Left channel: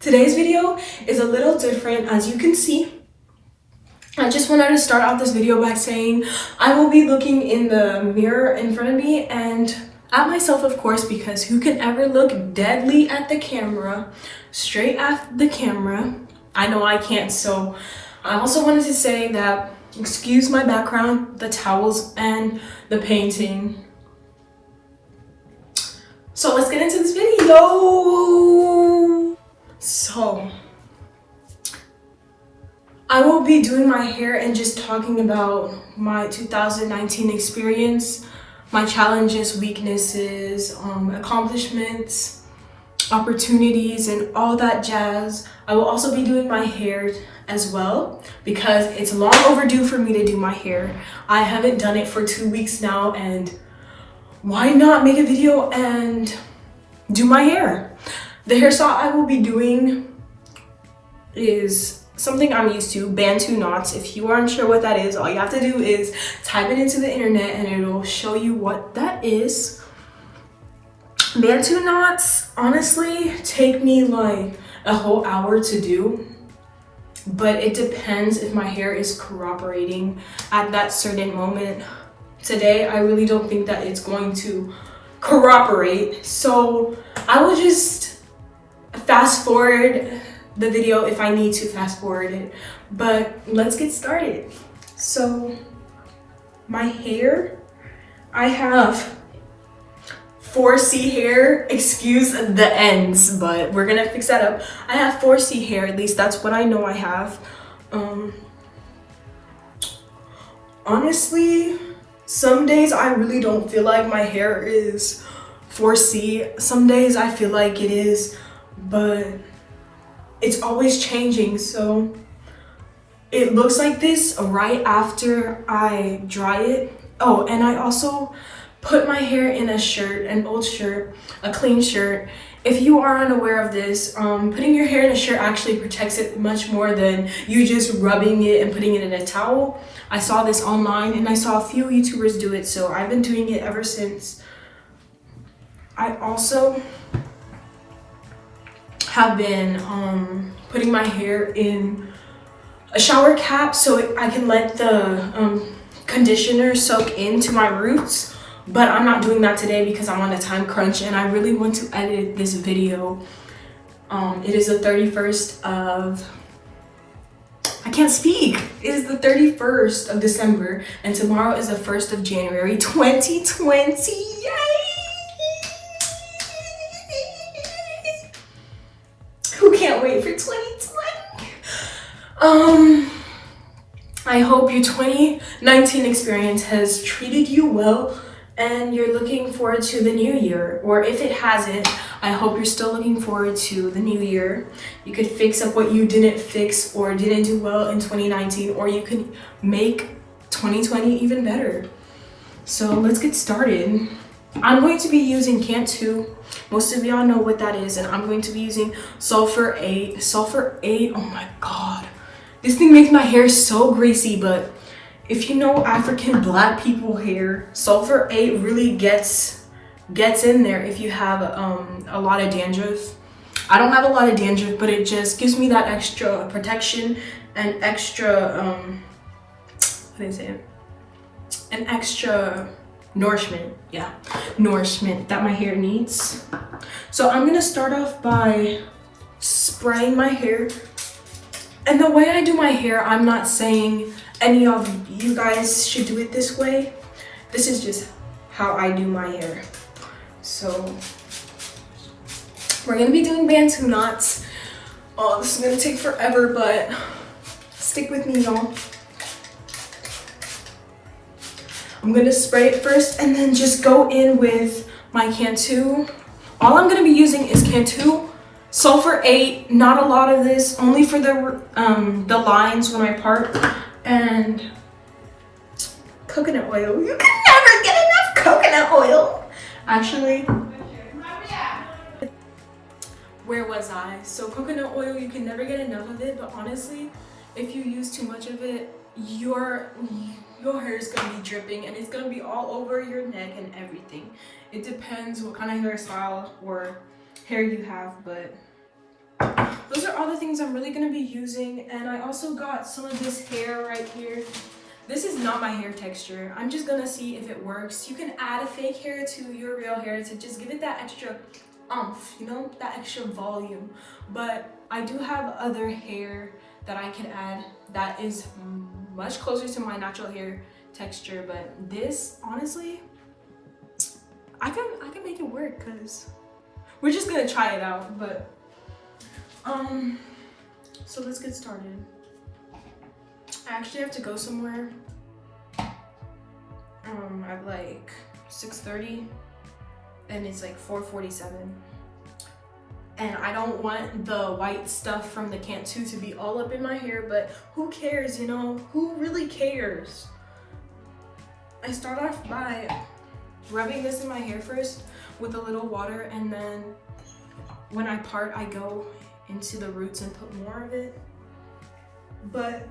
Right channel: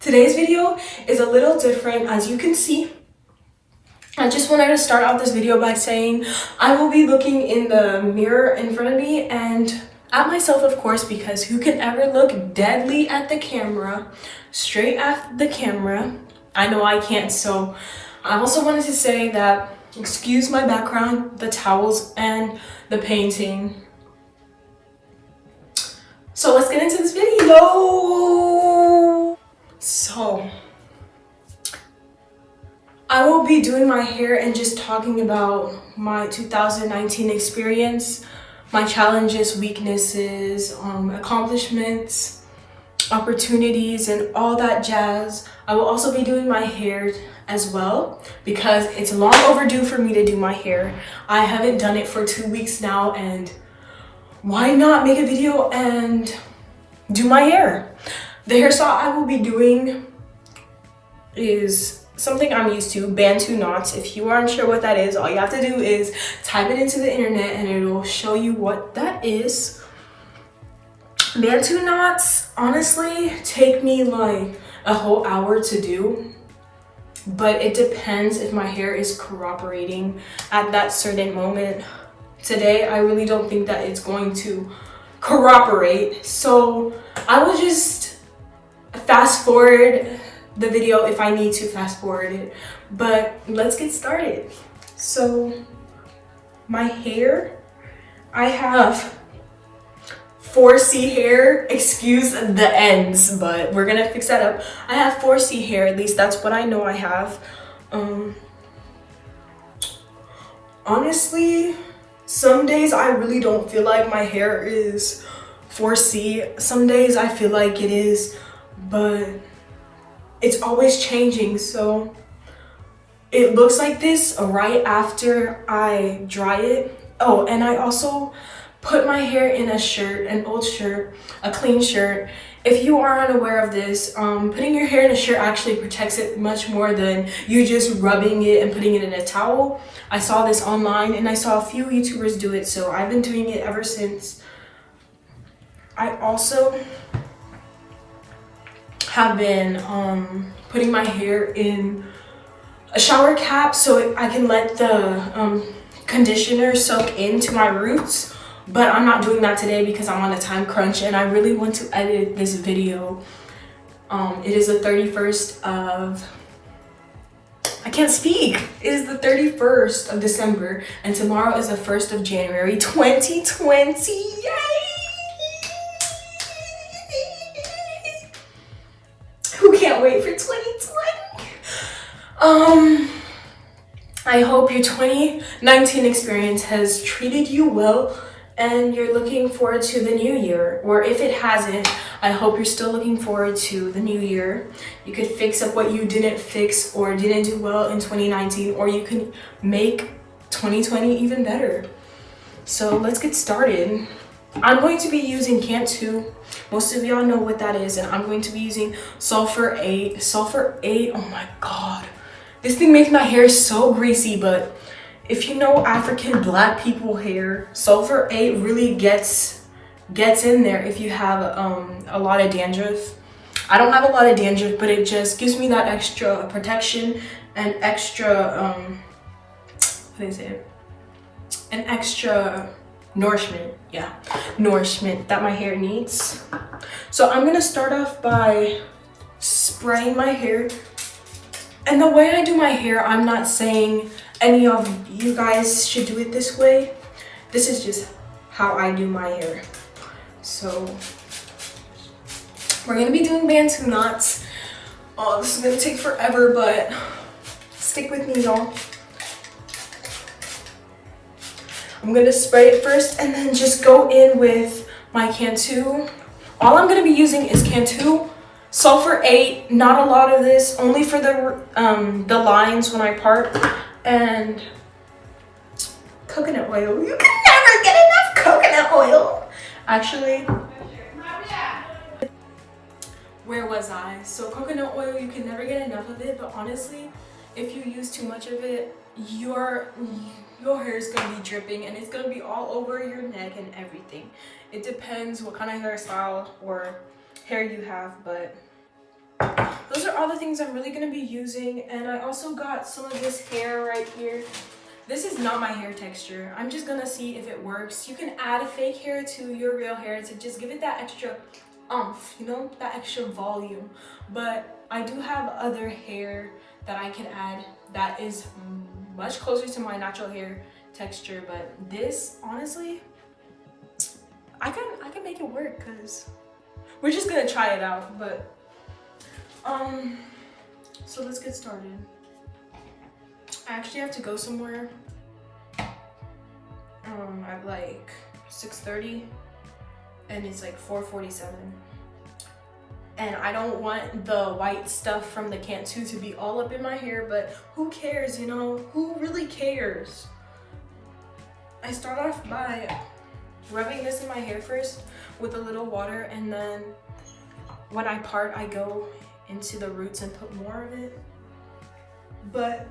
Today's video is a little different, as you can see. I just wanted to start off this video by saying I will be looking in the mirror in front of me and at myself, of course, because who can ever look deadly at the camera, straight at the camera? I know I can't. So I also wanted to say that, excuse my background, the towels and the painting. So let's get into this video. So I will be doing my hair and just talking about my 2019 experience, my challenges, weaknesses, accomplishments, opportunities, and all that jazz. I will also be doing my hair as well because it's long overdue for me to do my hair. I haven't done it for 2 weeks now, and why not make a video and do my hair? The hairstyle I will be doing is something I'm used to, Bantu knots. If you are unsure what that is, all you have to do is type it into the internet and it will show you what that is. Bantu knots honestly take me like a whole hour to do, but it depends if my hair is cooperating at that certain moment. Today, I really don't think that it's going to cooperate, so I will just fast forward the video if I need to fast forward it, but let's get started. So my hair, I have 4C hair, excuse the ends, but we're gonna fix that up. I have 4C hair, at least that's what I know I have. Honestly, some days I really don't feel like my hair is 4C. Some days I feel like it is, but it's always changing. So it looks like this right after I dry it. Oh, and I also put my hair in a shirt, an old shirt, a clean shirt. If you are unaware of this, putting your hair in a shirt actually protects it much more than you just rubbing it and putting it in a towel. I saw this online and I saw a few YouTubers do it, so I've been doing it ever since. I also have been putting my hair in a shower cap so I can let the conditioner soak into my roots, but I'm not doing that today because I'm on a time crunch and I really want to edit this video. It is the 31st of, I can't speak. It is the 31st of December and tomorrow is the 1st of January 2020. Yay! Who can't wait for 2020? I hope your 2019 experience has treated you well and you're looking forward to the new year. Or if it hasn't, I hope you're still looking forward to the new year. You could fix up what you didn't fix or didn't do well in 2019, or you can make 2020 even better. So let's get started. I'm going to be using Cantu. Most of y'all know what that is, and I'm going to be using Sulfur 8. Sulfur 8, oh my god. This thing makes my hair so greasy, but if you know African black people hair, Sulfur 8 really gets in there if you have a lot of dandruff. I don't have a lot of dandruff, but it just gives me that extra protection and extra, what is it? An extra nourishment, yeah, nourishment that my hair needs. So I'm gonna start off by spraying my hair. And the way I do my hair, I'm not saying any of you guys should do it this way. This is just how I do my hair. So we're gonna be doing Bantu knots. Oh, this is gonna take forever, but stick with me, y'all. I'm gonna spray it first and then just go in with my Cantu. All I'm gonna be using is Cantu, Sulfur 8, not a lot of this, only for the lines when I part, and coconut oil. You can never get enough coconut oil. Actually, where was I? So coconut oil, you can never get enough of it, but honestly, if you use too much of it, your hair is gonna be dripping and it's gonna be all over your neck and everything. It depends what kind of hairstyle or hair you have, but those are all the things I'm really gonna be using. And I also got some of this hair right here. This is not my hair texture. I'm just gonna see if it works. You can add a fake hair to your real hair to just give it that extra oomph, you know, that extra volume. But I do have other hair that I can add that is much closer to my natural hair texture. But this, honestly, I can make it work because we're just gonna try it out. But so let's get started. I actually have to go somewhere at like 6:30 and it's like 4:47. And I don't want the white stuff from the Cantu to be all up in my hair, but who cares, you know? Who really cares? I start off by rubbing this in my hair first with a little water, and then when I part, I go into the roots and put more of it. But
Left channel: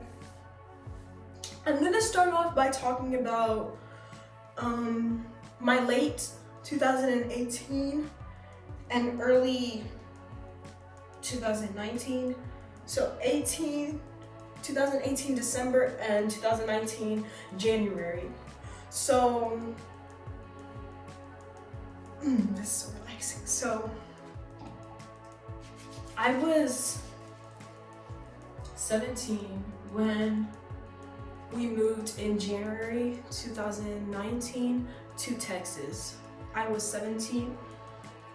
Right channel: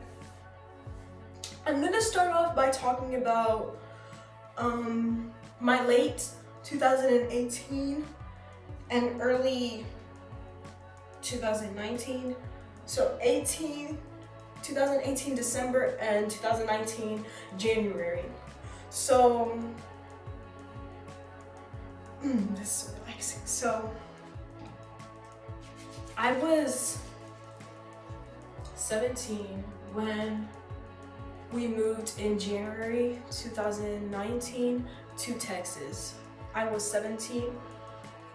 I'm gonna start off by talking about my late 2018 and early 2019. So 2018 December and 2019 January. So this is so relaxing. So I was 17 when we moved in January 2019 to Texas. I was 17.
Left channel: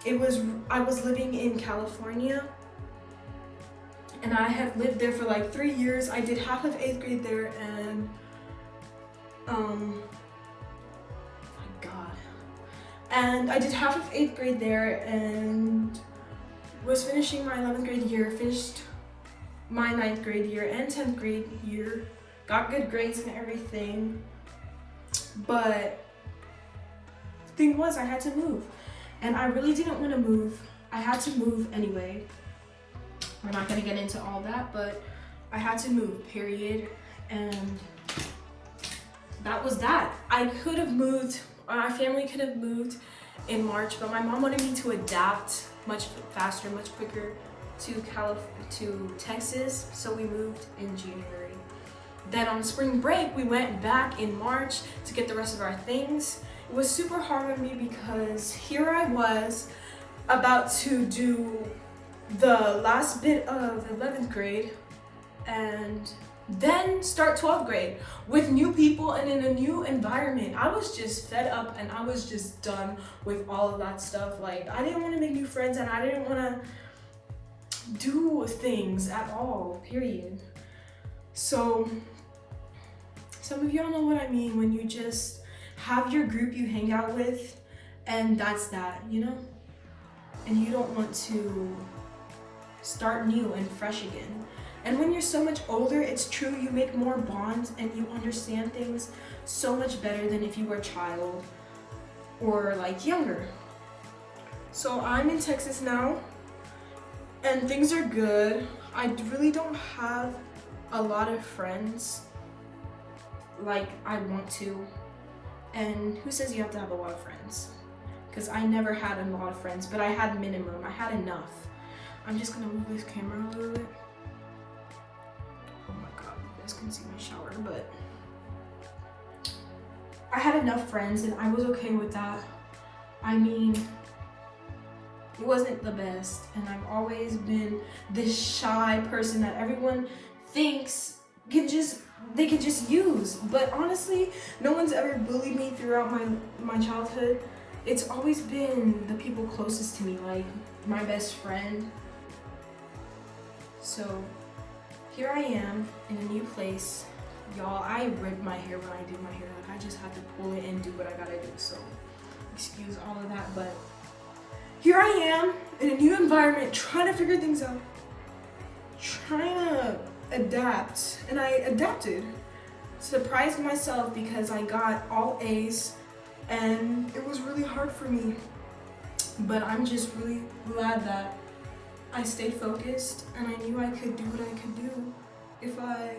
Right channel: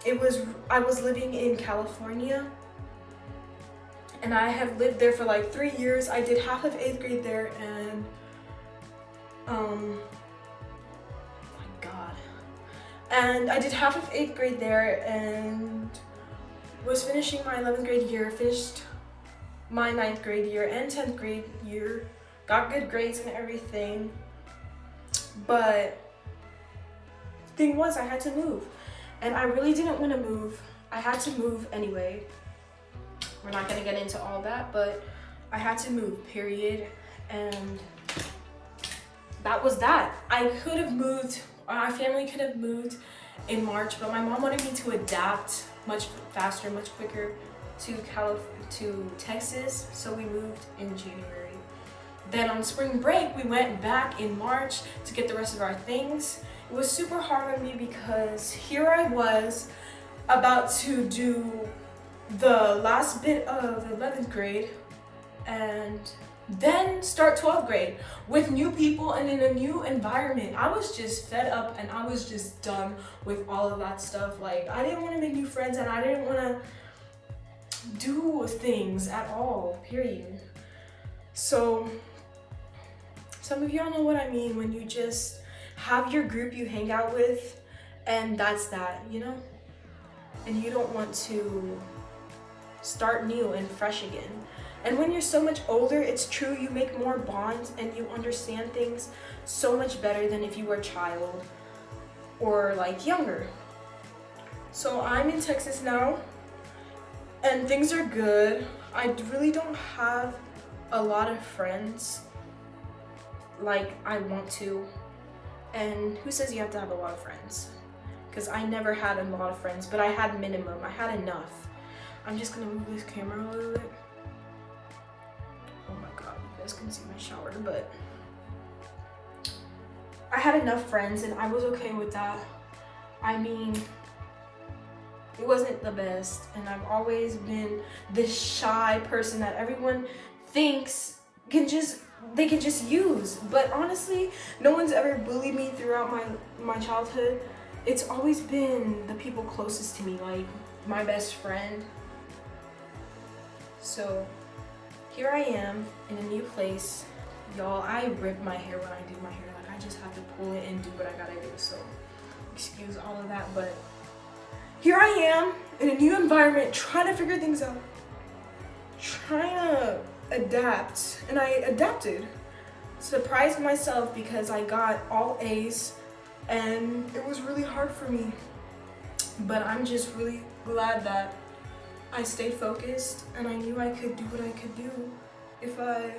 I was living in California, and I had lived there for like 3 years. I did half of 8th grade there, and and I did half of 8th grade there, and was finishing my 11th grade year, finished my 9th grade year and 10th grade year, got good grades and everything. But the thing was, I had to move, and I really didn't want to move. I had to move anyway. We're not gonna get into all that, but I had to move, period. And that was that. I could have moved, my family could have moved in March, but my mom wanted me to adapt much faster, much quicker to Texas, so we moved in January. Then on spring break, we went back in March to get the rest of our things. It was super hard on me because here I was about to do the last bit of 11th grade and then start 12th grade with new people and in a new environment. I was just fed up and I was just done with all of that stuff. Like, I didn't want to make new friends and I didn't want to do things at all, period. So some of y'all know what I mean when you just have your group you hang out with and that's that, you know? And you don't want to start new and fresh again. And when you're so much older, it's true, you make more bonds and you understand things so much better than if you were a child or like younger. So I'm in Texas now and things are good. I really don't have a lot of friends like I want to. And who says you have to have a lot of friends? Because I never had a lot of friends, but I had minimum, I had enough. I'm just gonna move this camera a little bit. Oh my god, you guys can see my shower, but I had enough friends and I was okay with that. I mean, it wasn't the best, and I've always been this shy person that everyone thinks they can just use. But honestly, no one's ever bullied me throughout my childhood. It's always been the people closest to me, like my best friend. So here I am in a new place. Y'all, I ripped my hair when I did my hair. Like, I just had to pull it and do what I gotta do. So excuse all of that, but here I am in a new environment, trying to figure things out, trying to adapt, and I adapted. Surprised myself because I got all A's, and it was really hard for me. But I'm just really glad that I stayed focused and I knew I could do what I could do if I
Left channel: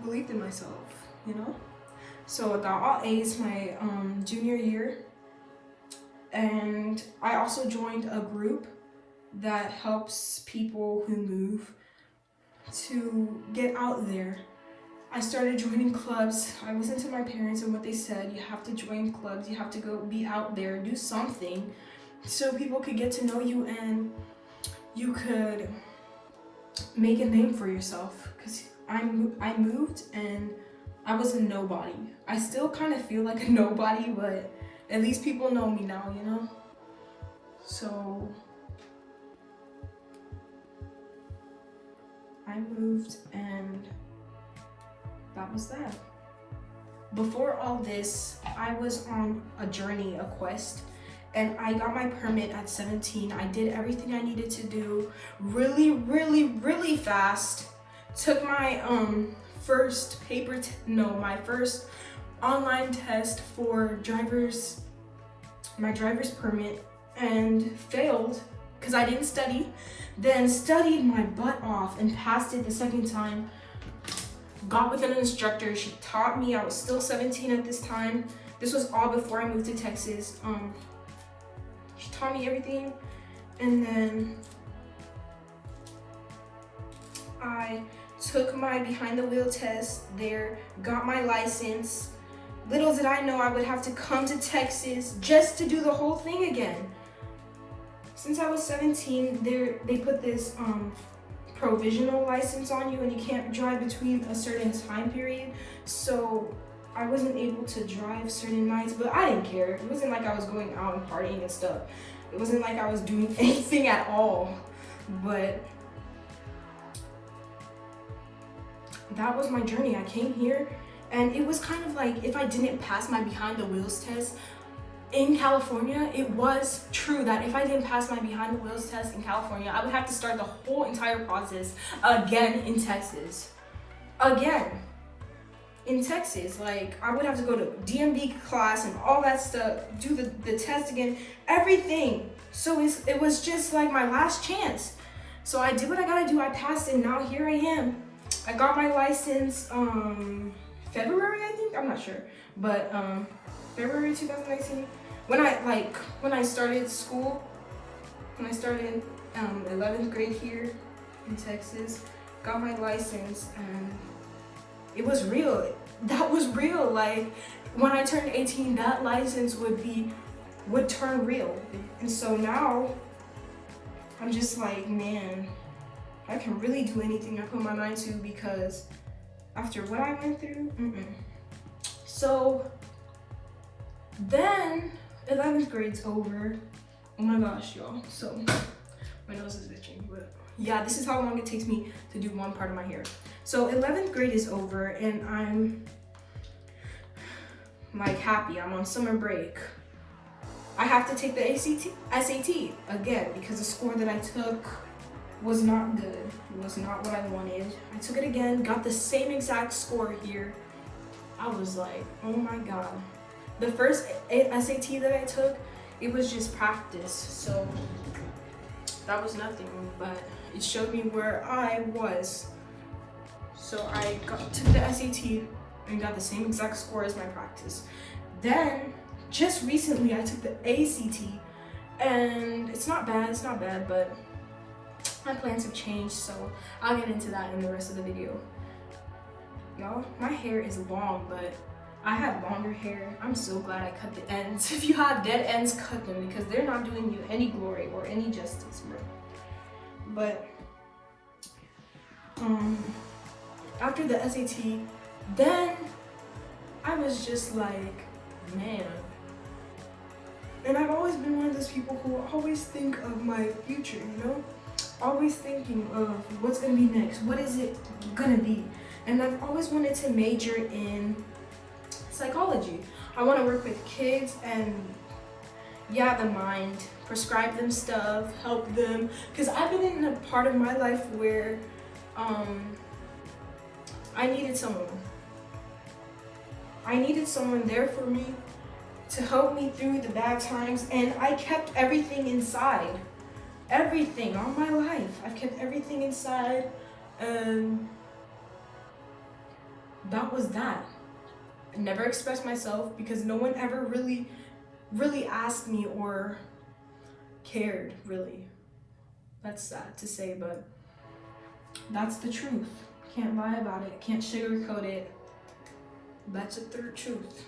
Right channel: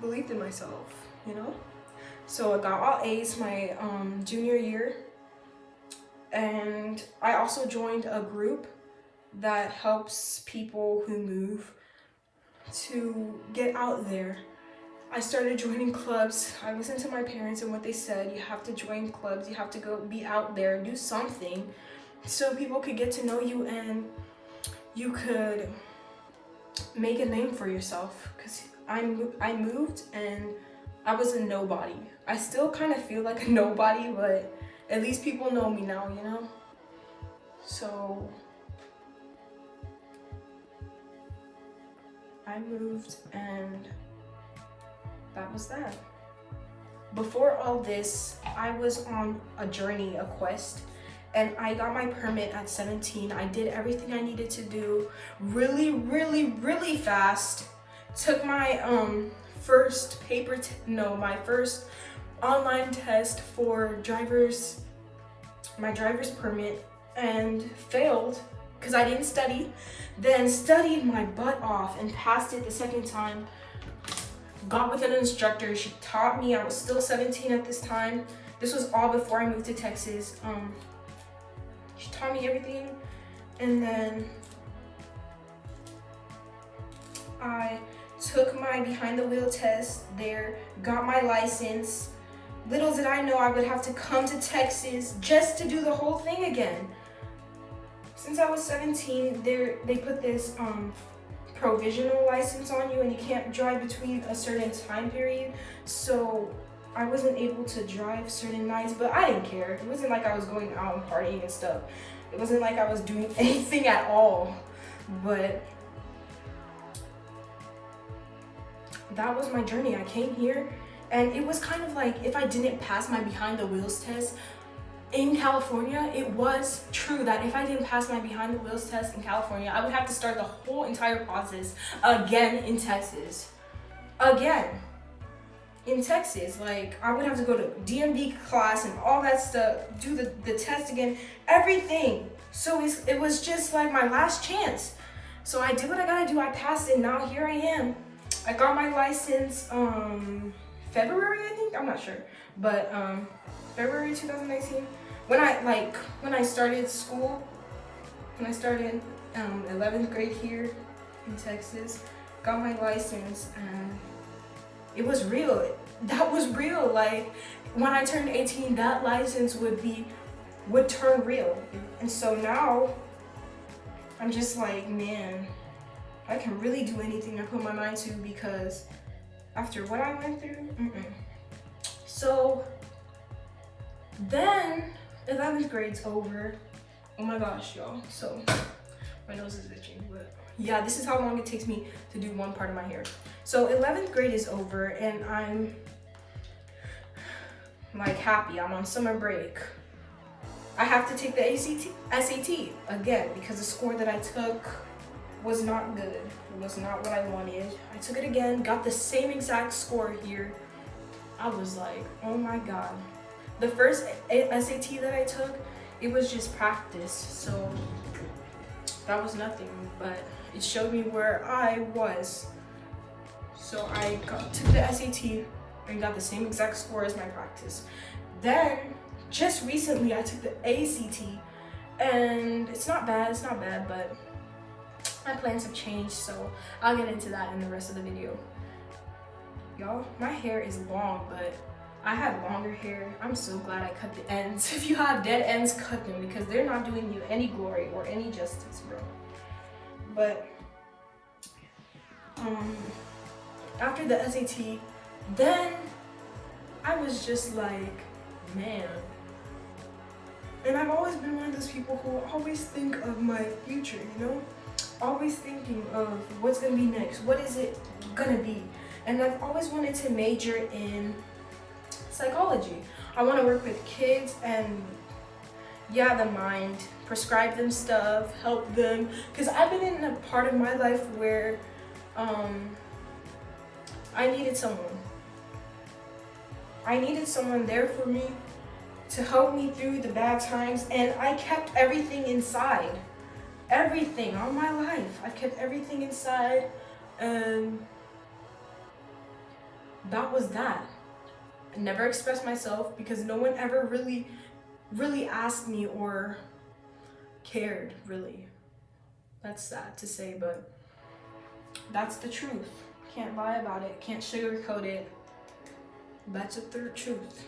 believed in myself, you know? So I got all A's my junior year, and I also joined a group that helps people who move to get out there. I started joining clubs. I listened to my parents and what they said. You have to join clubs. You have to go be out there, do something so people could get to know you and you could make a name for yourself. Because I moved and I was a nobody. I still kind of feel like a nobody, but at least people know me now, you know? So I moved and that was that. Before all this, I was on a journey, a quest, and I got my permit at 17. I did everything I needed to do really fast. Took my first my first online test for my driver's permit and failed because I didn't study. Then studied my butt off and passed it the second time. Got with an instructor. She taught me. I was still 17 at this time. This was all before I moved to Texas. She taught me everything, and then I took my behind the wheel test there, got my license. Little did I know I would have to come to Texas just to do the whole thing again. Since I was 17, they put this provisional license on you and you can't drive between a certain time period. So I wasn't able to drive certain nights, but I didn't care. It wasn't like I was going out and partying and stuff. It wasn't like I was doing anything at all. But that was my journey. I came here and it was kind of like if I didn't pass my behind the wheels test in California, it was true that if I didn't pass my behind the wheels test in California, I would have to start the whole entire process again in Texas. Again. In Texas, like I would have to go to DMV class and all that stuff, do the test again, everything. So it was just like my last chance. So I did what I gotta do. I passed it. Now here I am. I got my license February, I think. I'm not sure, but February 2019. When I started school, when I started 11th grade here in Texas, got my license and it was real. That was real. Like when I turned 18, that license would turn real. And so now I'm just like, man, I can really do anything I put my mind to, because after what I went through, So then 11th grade's over. Oh my gosh, y'all. So my nose is itching, but yeah, this is how long it takes me to do one part of my hair. So 11th grade is over and I'm like happy. I'm on summer break. I have to take the SAT again because the score that I took was not good. It was not what I wanted. I took it again, got the same exact score here. I was like, oh my God. The first SAT that I took, it was just practice. So that was nothing, but it showed me where I was. So I took the SAT and got the same exact score as my practice. Then, just recently, I took the ACT, and it's not bad, but my plans have changed, so I'll get into that in the rest of the video. Y'all, my hair is long, but I had longer hair. I'm so glad I cut the ends. If you have dead ends, cut them, because they're not doing you any glory or any justice, bro. But after the SAT, then I was just like, man. And I've always been one of those people who always think of my future, you know? Always thinking of what's gonna be next, what is it gonna be? And I've always wanted to major in psychology. I wanna work with kids and, yeah, the mind, prescribe them stuff, help them. Because I've been in a part of my life where I needed someone. I needed someone there for me to help me through the bad times, and I kept everything inside. Everything, all my life. I've kept everything inside, and that was that. I never expressed myself because no one ever really asked me or cared, really. That's sad to say, but that's the truth. Can't lie about it, can't sugarcoat it. That's a third truth.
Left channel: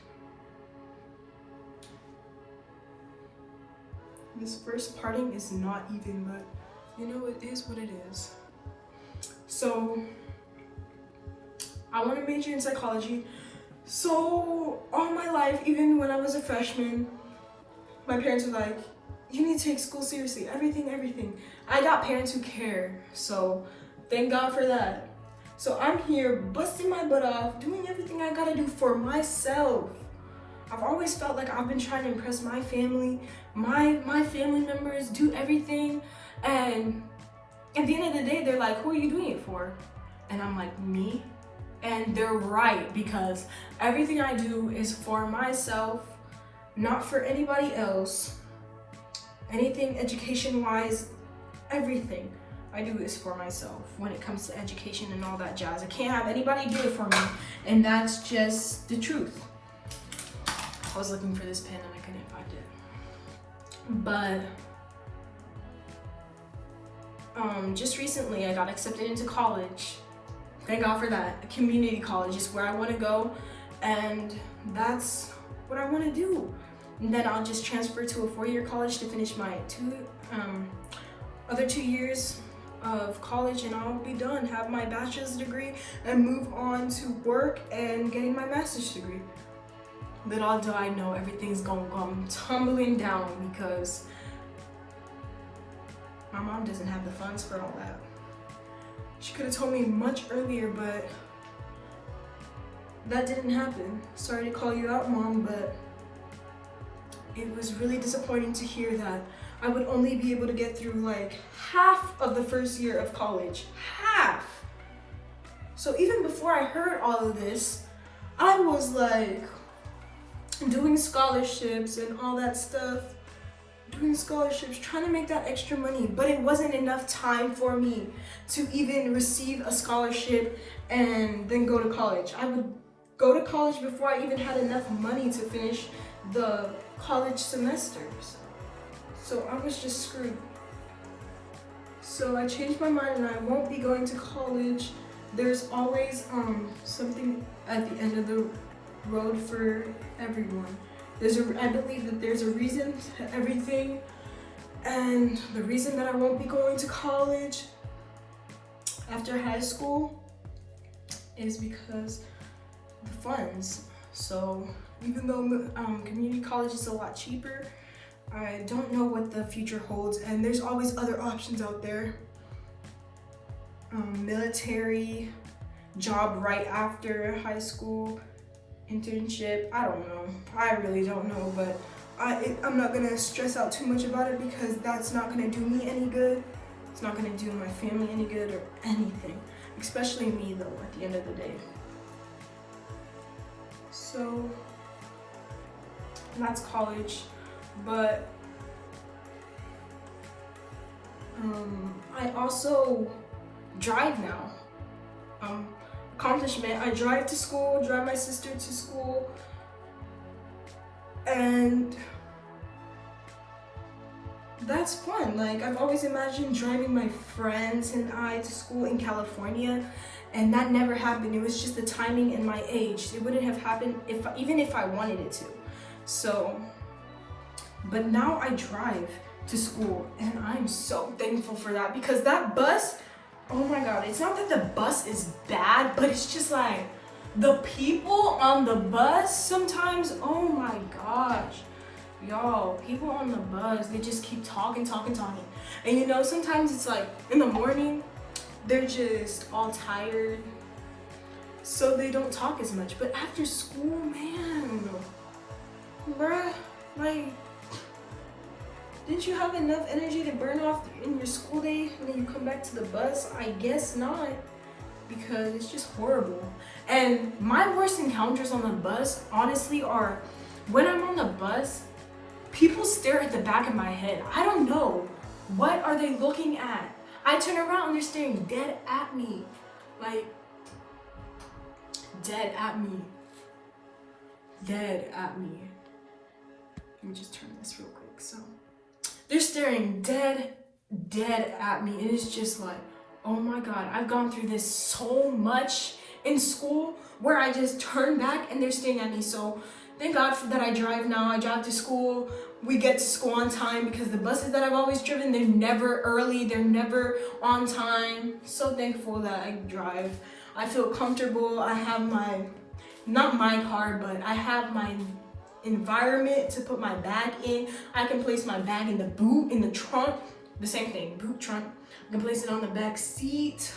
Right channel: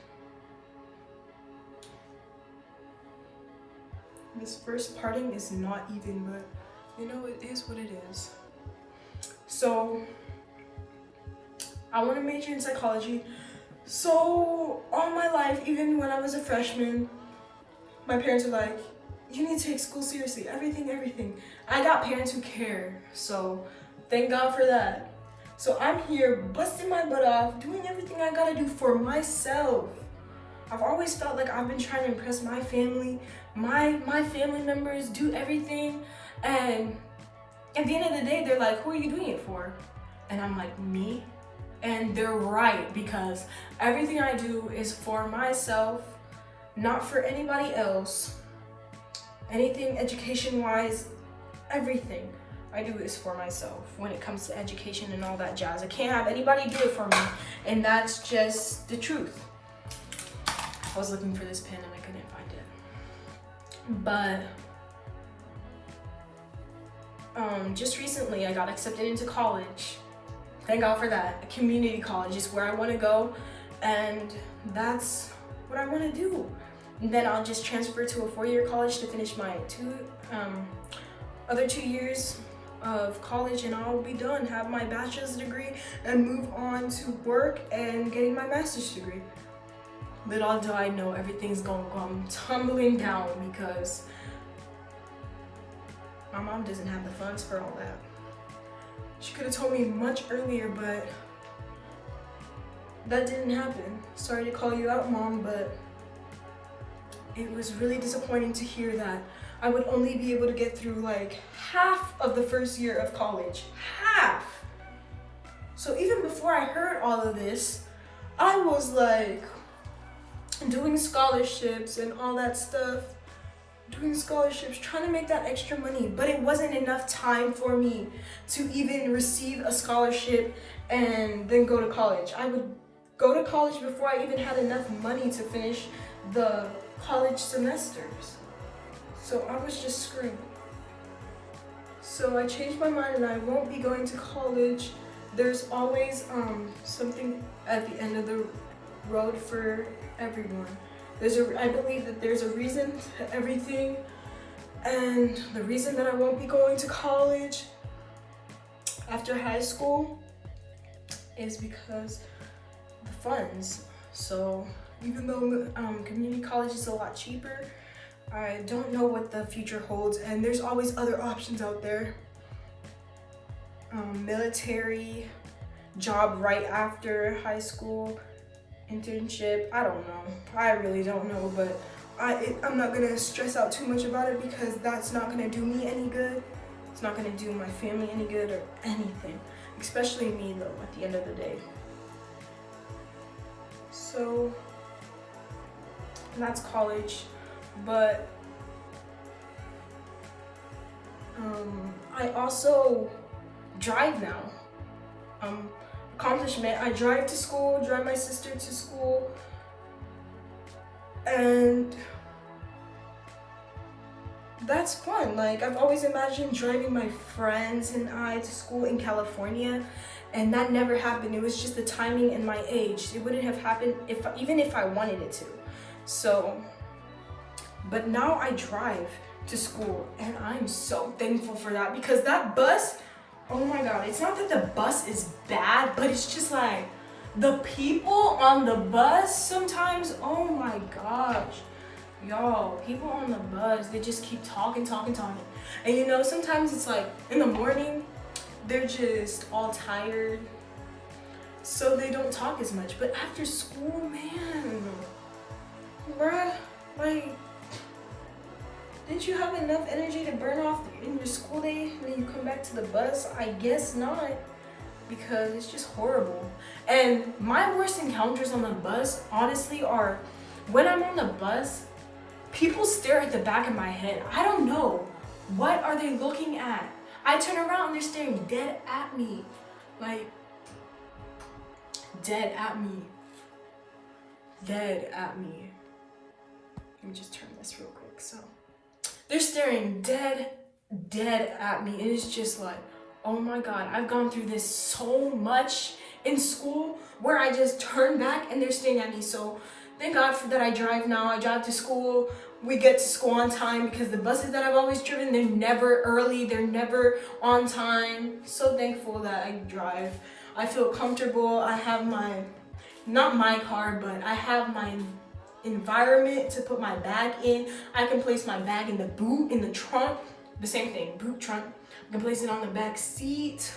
This first parting is not even, but you know, it is what it is. So, I want to major in psychology. So, all my life, even when I was a freshman, my parents were like, you need to take school seriously, everything. I got parents who care, so thank God for that. So I'm here busting my butt off, doing everything I gotta do for myself. I've always felt like I've been trying to impress my family, my family members, do everything, and at the end of the day, they're like, who are you doing it for? And I'm like, me? And they're right, because everything I do is for myself, not for anybody else. Anything education-wise, everything I do is for myself when it comes to education and all that jazz. I can't have anybody do it for me, and that's just the truth. I was looking for this pen and I couldn't find it. But just recently I got accepted into college. Thank God for that. A community college is where I want to go, and that's what I want to do. And then I'll just transfer to a 4-year college to finish my other 2 years of college, and I'll be done, have my bachelor's degree, and move on to work and getting my master's degree. Little do I know, everything's gonna come tumbling down because my mom doesn't have the funds for all that. She could have told me much earlier, but that didn't happen. Sorry to call you out, Mom, but it was really disappointing to hear that I would only be able to get through like half of the first year of college. Half! So even before I heard all of this, I was like doing scholarships and all that stuff. Doing scholarships, trying to make that extra money, but it wasn't enough time for me to even receive a scholarship and then go to college. I would go to college before I even had enough money to finish the college semesters. So I was just screwed. So I changed my mind and I won't be going to college. There's always something at the end of the road for everyone. I believe that there's a reason to everything, and the reason that I won't be going to college after high school is because the funds. So even though community college is a lot cheaper, I don't know what the future holds, and there's always other options out there. Military, job right after high school, internship, I don't know. I really don't know, but I'm not gonna stress out too much about it because that's not gonna do me any good. It's not gonna do my family any good or anything, especially me though, at the end of the day. So that's college, but I also drive now. Accomplishment, I drive to school, drive my sister to school, and that's fun. Like, I've always imagined driving my friends and I to school in California, and that never happened. It was just the timing and my age. It wouldn't have happened even if I wanted it to. So, but now I drive to school, and I'm so thankful for that, because that bus, oh my God, it's not that the bus is bad, but it's just like the people on the bus sometimes, oh my gosh. Y'all, people on the bus, they just keep talking. And you know, sometimes it's like in the morning, they're just all tired, so they don't talk as much. But after school, man, bruh, like, didn't you have enough energy to burn off in your school day and then you come back to the bus? I guess not, because it's just horrible. And my worst encounters on the bus, honestly, are when I'm on the bus, people stare at the back of my head. I don't know. What are they looking at? I turn around and they're staring dead at me. Like, dead at me. Dead at me. Let me just turn this real quick. So, they're staring dead dead at me, and it's just like, oh my God, I've gone through this so much in school where I just turn back and they're staring at me. So thank God that I drive now. I drive to school. We get to school on time because the buses that I've always driven, they're never early. They're never on time. So thankful that I drive. I feel comfortable. I have not my car, but I have my environment to put my bag in. I can place my bag in the boot, in the trunk. The same thing, boot, trunk. I can place it on the back seat,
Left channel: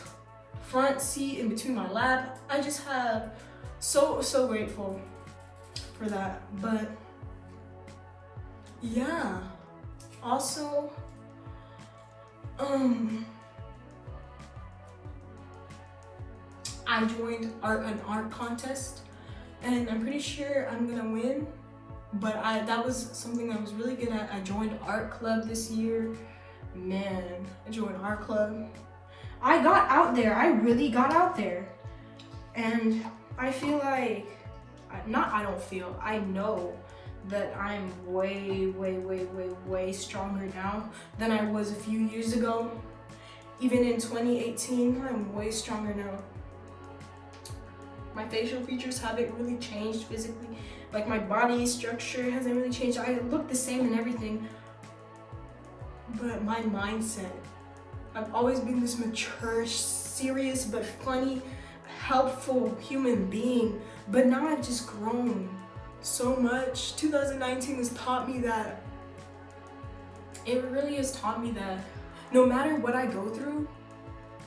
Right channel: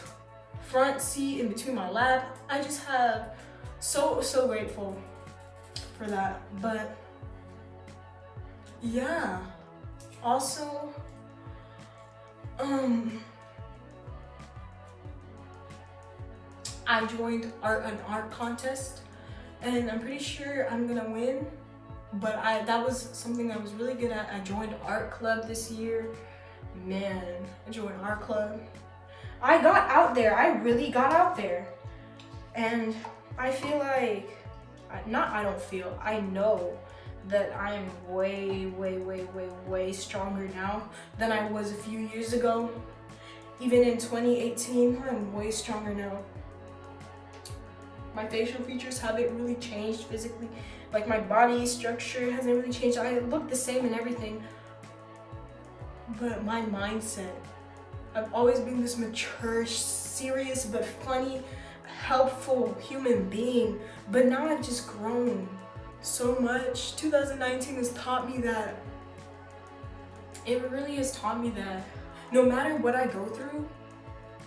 front seat, in between my lap. I just have so grateful for that. But yeah, also I joined an art contest, and I'm pretty sure I'm gonna win. But that was something I was really good at. I joined art club this year. Man, I joined art club. I got out there. I really got out there. And I feel like, I know that I am way stronger now than I was a few years ago. Even in 2018, I'm way stronger now. My facial features haven't really changed physically. Like my body structure hasn't really changed. I look the same and everything. But my mindset, I've always been this mature, serious, but funny, helpful human being. But now I've just grown so much. 2019 has taught me that, it really has taught me that no matter what I go through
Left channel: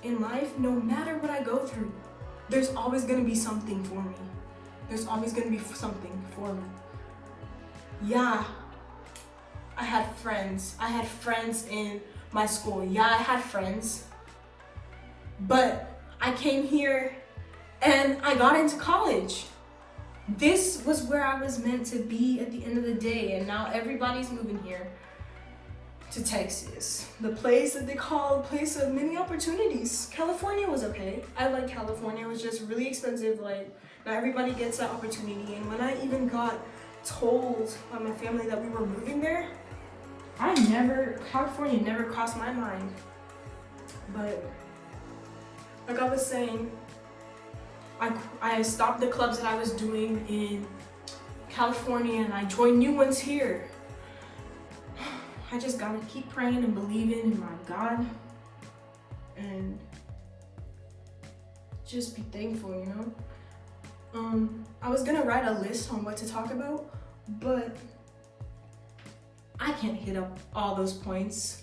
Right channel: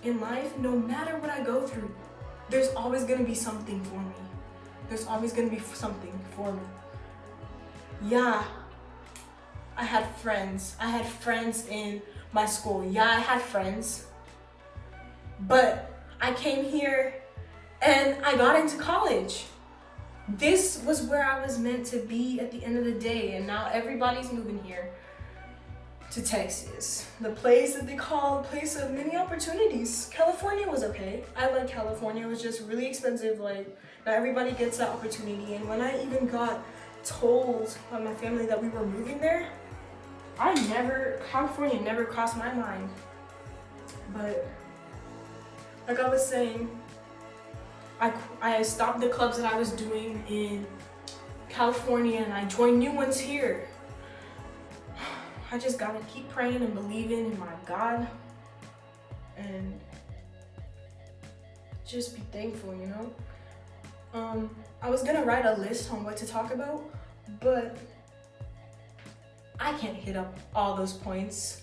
in life, no matter what I go through, there's always gonna be something for me. There's always gonna be something for me. Yeah, I had friends. I had friends in my school. Yeah, I had friends. But I came here and I got into college. This was where I was meant to be at the end of the day, and now everybody's moving here to Texas. The place that they call a place of many opportunities. California was okay. I like California. It was just really expensive. Like, not everybody gets that opportunity. And when I even got told by my family that we were moving there, California never crossed my mind. But like I was saying, I stopped the clubs that I was doing in California and I joined new ones here. I just gotta keep praying and believing in my God and just be thankful, you know? I was gonna write a list on what to talk about, but I can't hit up all those points.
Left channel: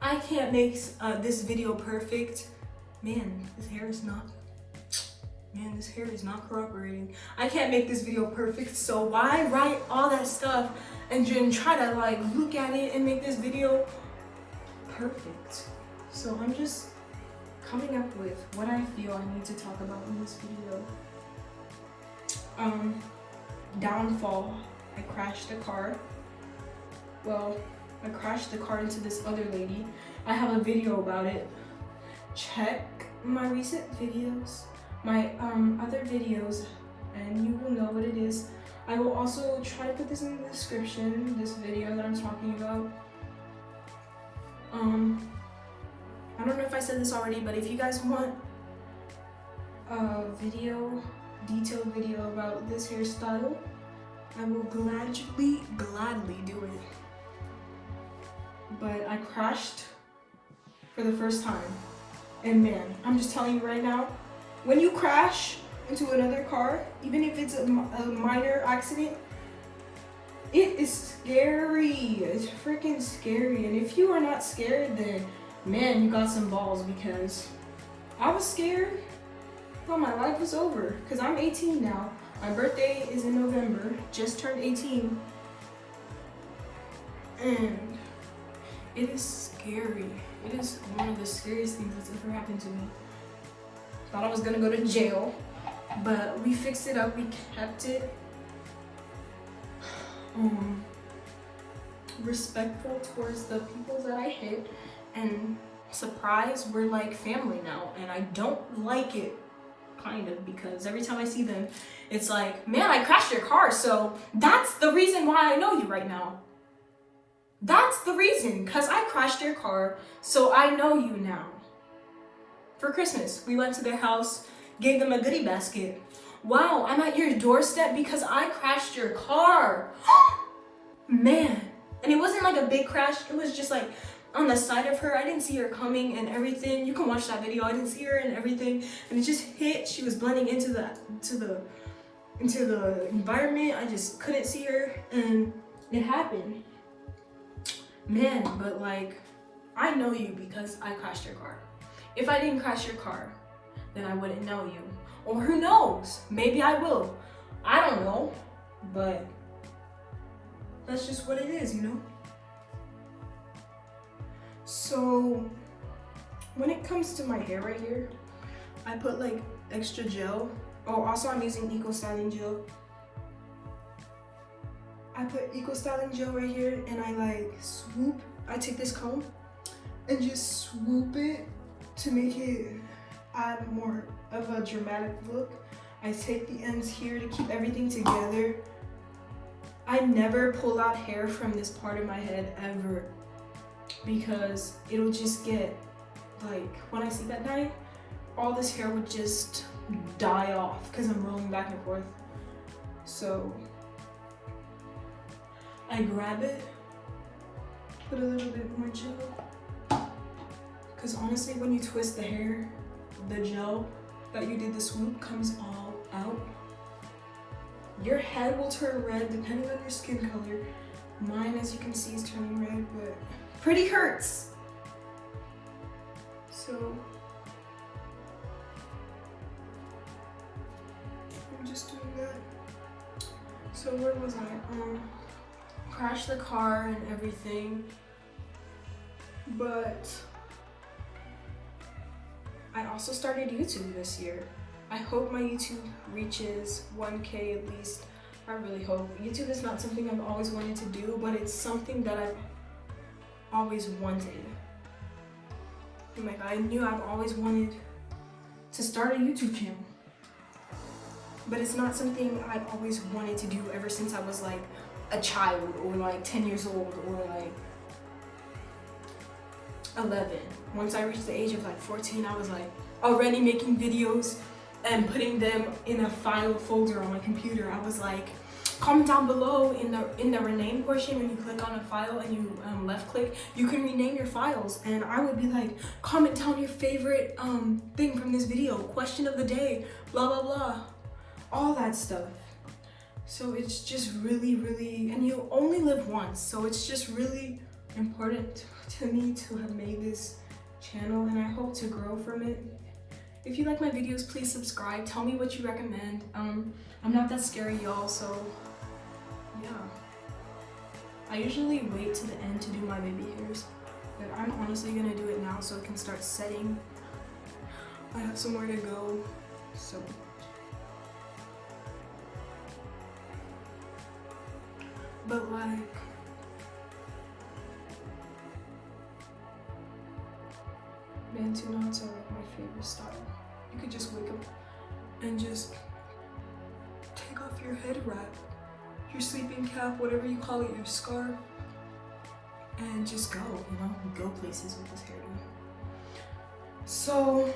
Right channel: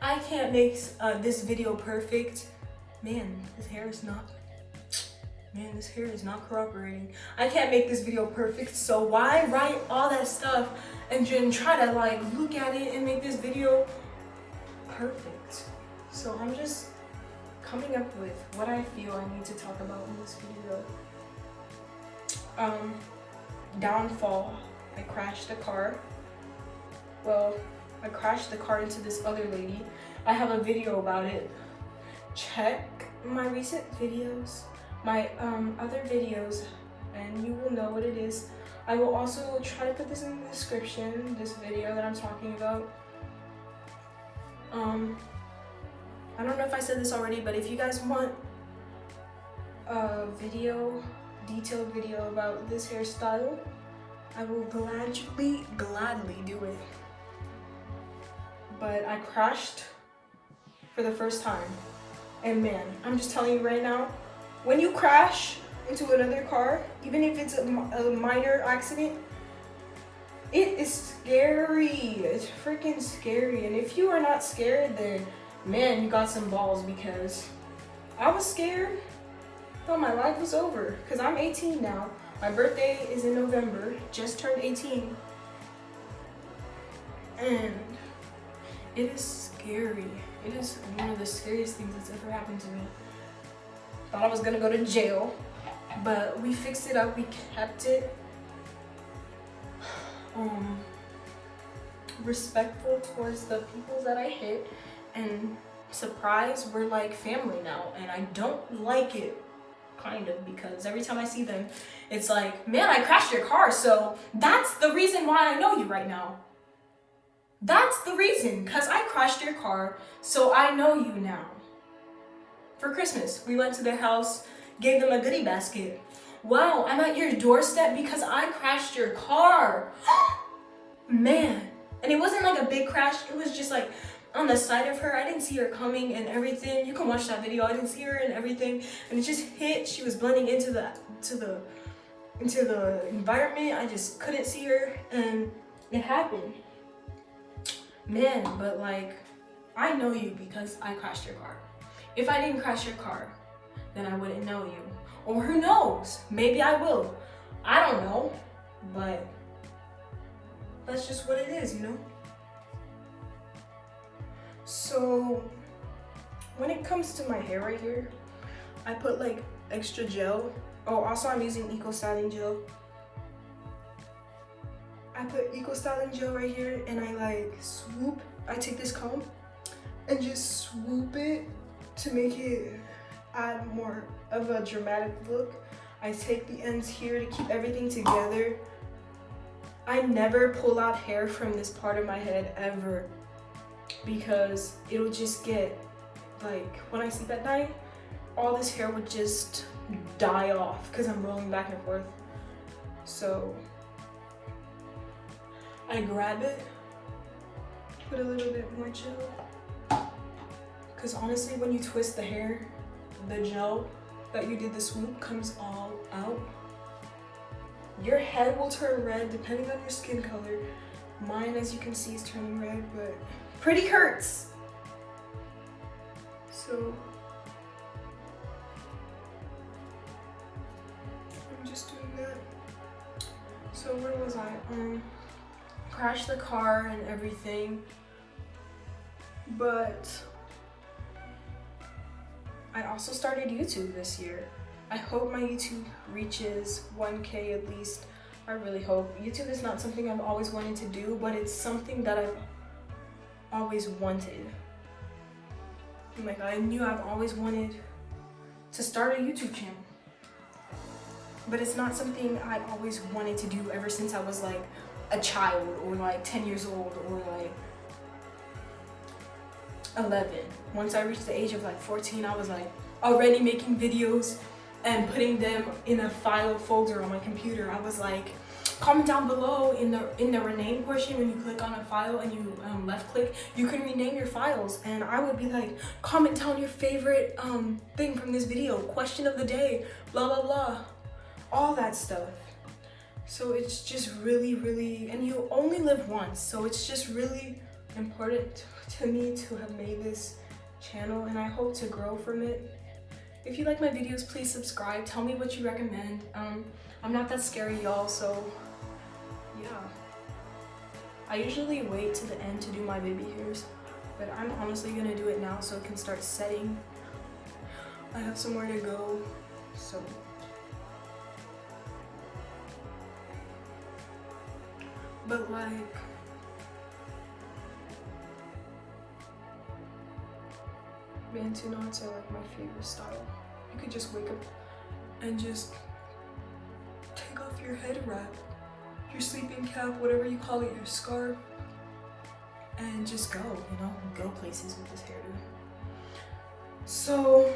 I can't make this video perfect. Man, this hair is not cooperating. I can't make this video perfect, so why write all that stuff and then try to like look at it and make this video perfect? So I'm just coming up with what I feel I need to talk about in this video. Downfall. I crashed the car. Well, I crashed the car into this other lady. I have a video about it. Check my recent videos, my other videos, and you will know what it is. I will also try to put this in the description, this video that I'm talking about. I don't know if I said this already, but if you guys want a detailed video about this hairstyle, I will gladly do it. But I crashed for the first time. And man, I'm just telling you right now, when you crash into another car, even if it's a minor accident, it is scary. It's freaking scary. And if you are not scared, then man, you got some balls, because I was scared. I thought my life was over, because I'm 18 now. My birthday is in November, just turned 18. And it is scary. It is one of the scariest things that's ever happened to me. Thought I was gonna go to jail, but we fixed it up, we kept it respectful towards the people that I hit, and surprise, we're like family now, and I don't like it, kind of, because every time I see them, it's like, man, I crashed your car, so that's the reason why I know you right now. That's the reason, because I crashed your car, so I know you now. For Christmas, we went to their house, gave them a goodie basket. Wow, I'm at your doorstep because I crashed your car. Man. And it wasn't like a big crash, it was just like on the side of her. I didn't see her coming and everything. You can watch that video. I didn't see her and everything. And it just hit. She was blending into the environment. I just couldn't see her and it happened. Man, but like, I know you because I crashed your car. If I didn't crash your car, then I wouldn't know you. Or who knows? Maybe I will. I don't know. But that's just what it is, you know? So when it comes to my hair right here, I put like extra gel. Oh, also I'm using Eco Styling Gel. I put Eco Styling Gel right here and I like swoop. I take this comb and just swoop it to make it add more of a dramatic look. I take the ends here to keep everything together. I never pull out hair from this part of my head ever because it'll just get like, when I sleep at night, all this hair would just die off because I'm rolling back and forth. So I grab it, put a little bit more gel, because honestly when you twist the hair, the gel that you did the swoop comes all out. Your head will turn red depending on your skin color. Mine, as you can see, is turning red, but pretty hurts. So I'm just doing that. So where was I? Crashed the car and everything, but I also started YouTube this year. I hope my YouTube reaches 1K at least. I really hope. YouTube is not something I've always wanted to do, but it's something that I've always wanted. Like, I knew I've always wanted to start a YouTube channel, but it's not something I've always wanted to do ever since I was like a child or like 10 years old or like 11. Once I reached the age of like 14, I was like already making videos and putting them in a file folder on my computer. I was like, comment down below in the rename portion. When you click on a file and you left click, you can rename your files, and I would be like, comment down your favorite thing from this video, question of the day, blah blah blah, all that stuff. So it's just really, and you only live once, so it's just really important to me to have made this channel, and I hope to grow from it. If you like my videos, please subscribe. Tell me what you recommend. I'm not that scary, y'all, so yeah. I usually wait to the end to do my baby hairs, but I'm honestly gonna do it now so it can start setting. I have somewhere to go, so. But like, bantu knots are like my favorite style. You could just wake up and just take off your head wrap, your sleeping cap, whatever you call it, your scarf, and just go, you know, go places with this hairdo. So,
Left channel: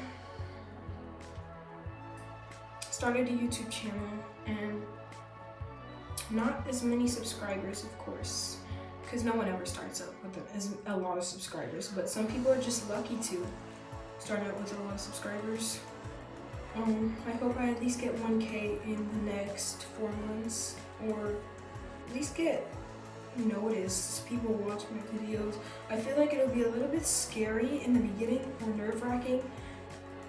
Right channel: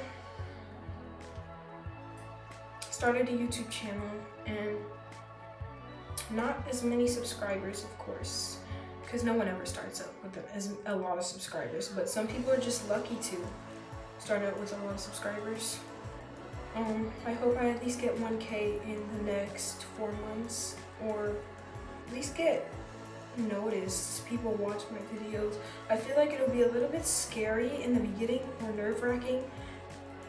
started a YouTube channel and not as many subscribers, of course, because no one ever starts out with a lot of subscribers, but some people are just lucky to start out with a lot of subscribers. I hope I at least get 1K in the next 4 months, or at least get noticed, people watch my videos. I feel like it'll be a little bit scary in the beginning, or nerve-wracking,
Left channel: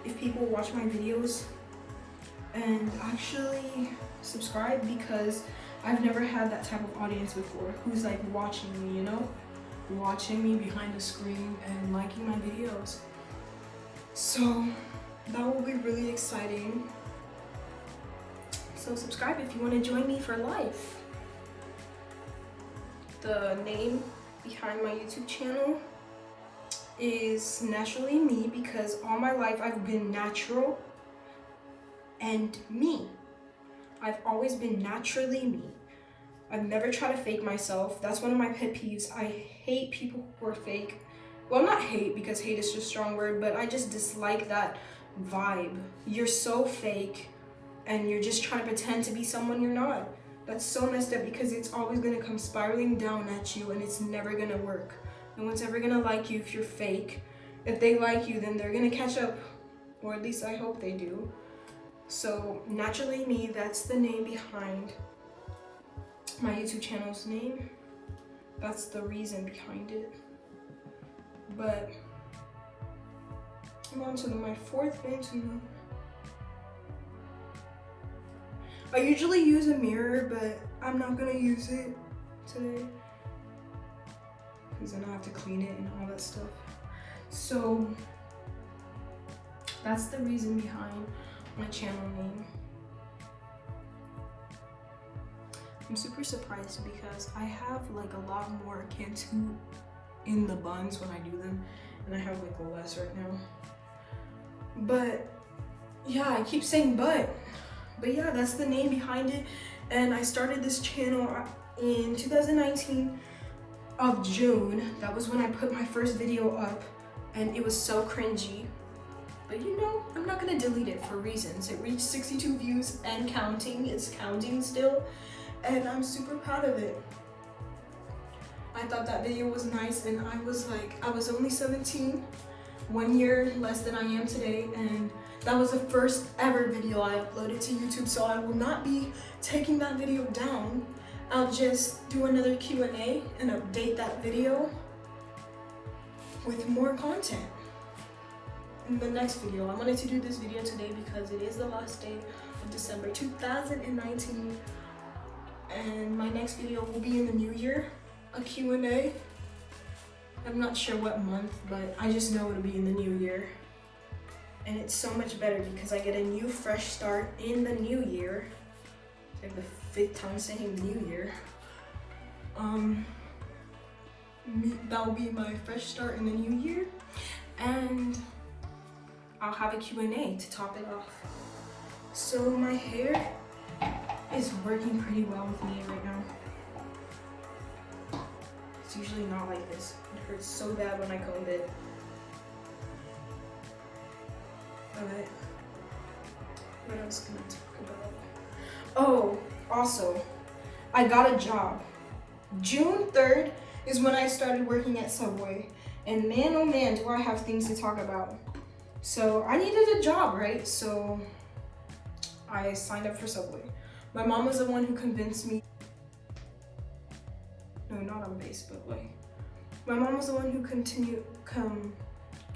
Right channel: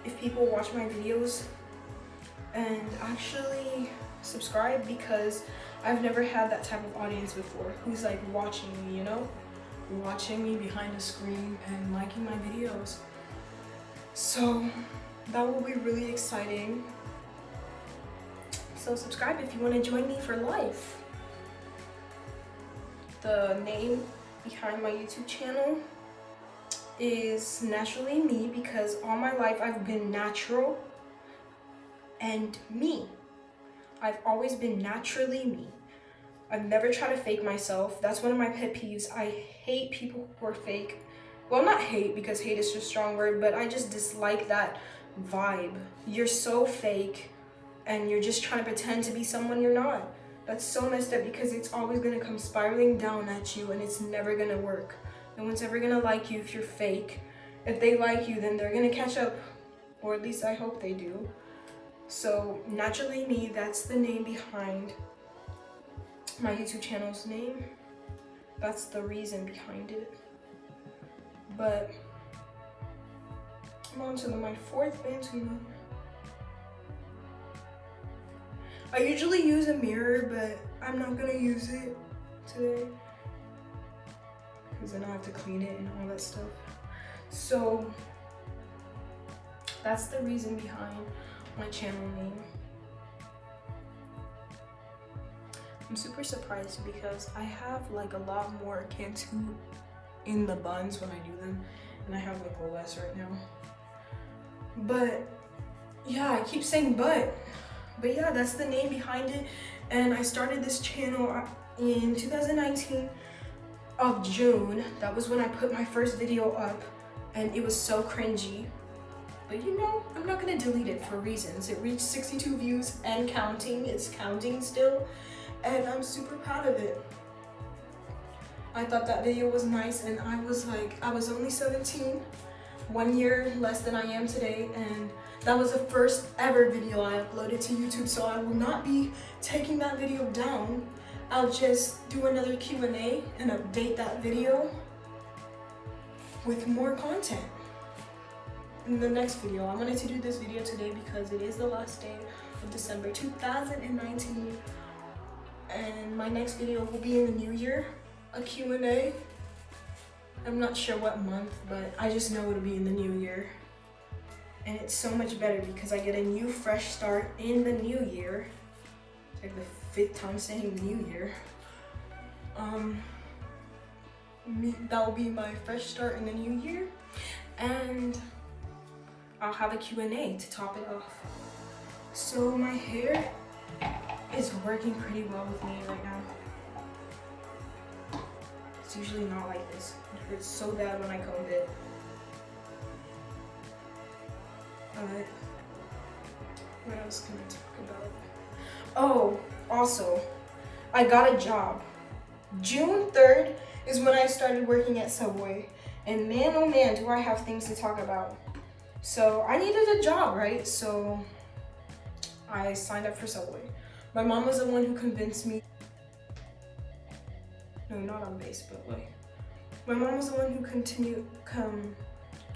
if people watch my videos and actually subscribe, because I've never had that type of audience before who's like watching me, you know? Watching me behind the screen and liking my videos. So that will be really exciting. So subscribe if you want to join me for life. The name behind my YouTube channel is Naturally Me, because all my life I've been natural and me. I've always been naturally me. I've never tried to fake myself. That's one of my pet peeves. I hate people who are fake. Well, not hate, because hate is just a strong word, but I just dislike that vibe. You're so fake and you're just trying to pretend to be someone you're not. That's so messed up, because it's always gonna come spiraling down at you and it's never gonna work. No one's ever gonna like you if you're fake. If they like you, then they're gonna catch up, or at least I hope they do. So Naturally Me, that's the name behind my YouTube channel's name. That's the reason behind it. But I'm on to my fourth fantasy. I usually use a mirror, but I'm not gonna use it today because then I'll have to clean it and all that stuff. So that's the reason behind my channel name. I'm super surprised because I have like a lot more Cantu in the buns when I do them, and I have like less right now. But yeah, I keep saying but yeah, that's the name behind it. And I started this channel in 2019 of June. That was when I put my first video up, and it was so cringy. But you know, I'm not gonna delete it for reasons. It reached 62 views and counting. It's counting still, and I'm super proud of it. I thought that video was nice, and I was only 17, 1 year less than I am today, and that was the first ever video I uploaded to YouTube, so I will not be taking that video down. I'll just do another Q&A and update that video with more content in the next video. I wanted to do this video today because it is the last day of December 2019, and my next video will be in the new year, a Q&A. I'm not sure what month, but I just know it'll be in the new year. And it's so much better because I get a new fresh start in the new year. It's like the 5th time saying new year. That will be my fresh start in the new year. And I'll have a Q&A to top it off. So my hair is working pretty well with me right now. It's usually not like this. It hurts so bad when I comb it. What else can I talk about? Oh, also, I got a job. June 3rd is when I started working at Subway. And man, oh man, do I have things to talk about. So I needed a job, right? So I signed up for Subway. My mom was the one who convinced me. No, not on base, but like, my mom was the one who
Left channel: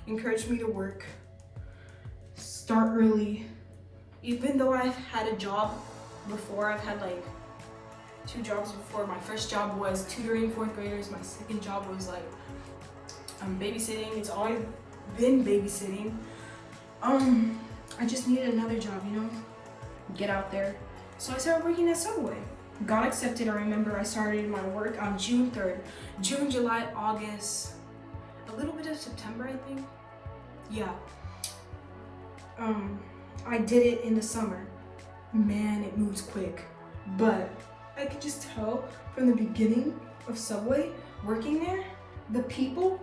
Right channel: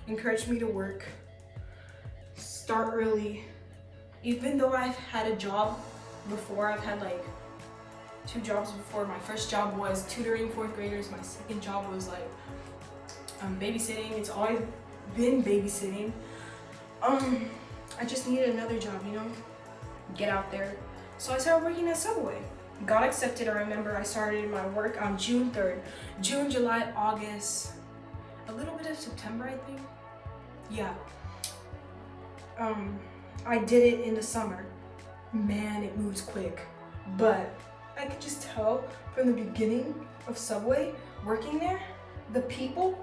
encouraged me to work, start early. Even though I've had a job before, I've had like 2 jobs before. My first job was tutoring 4th graders. My second job was like babysitting. It's always been babysitting. I just needed another job, you know, get out there. So I started working at Subway. Got accepted. I remember I started my work on June 3rd. June, July, August, a little bit of September, I think. Yeah. I did it in the summer. Man, it moves quick. But I could just tell from the beginning of Subway, working there, the people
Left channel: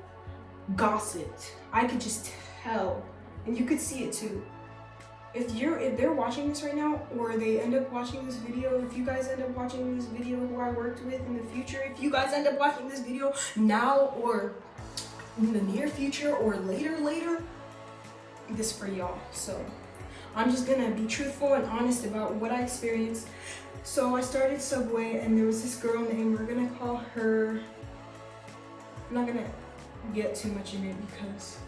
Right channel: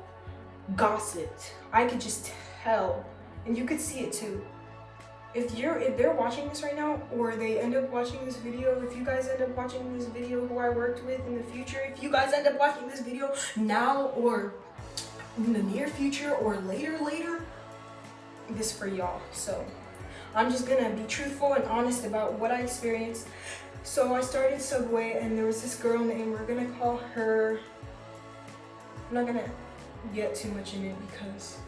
gossiped. I could just tell, and you could see it too. If they're watching this right now, or they end up watching this video, if you guys end up watching this video who I worked with in the future, if you guys end up watching this video now or in the near future or later, this is for y'all. So I'm just gonna be truthful and honest about what I experienced. So I started Subway, and there was this girl named, we're gonna call her, I'm not gonna get too much in it because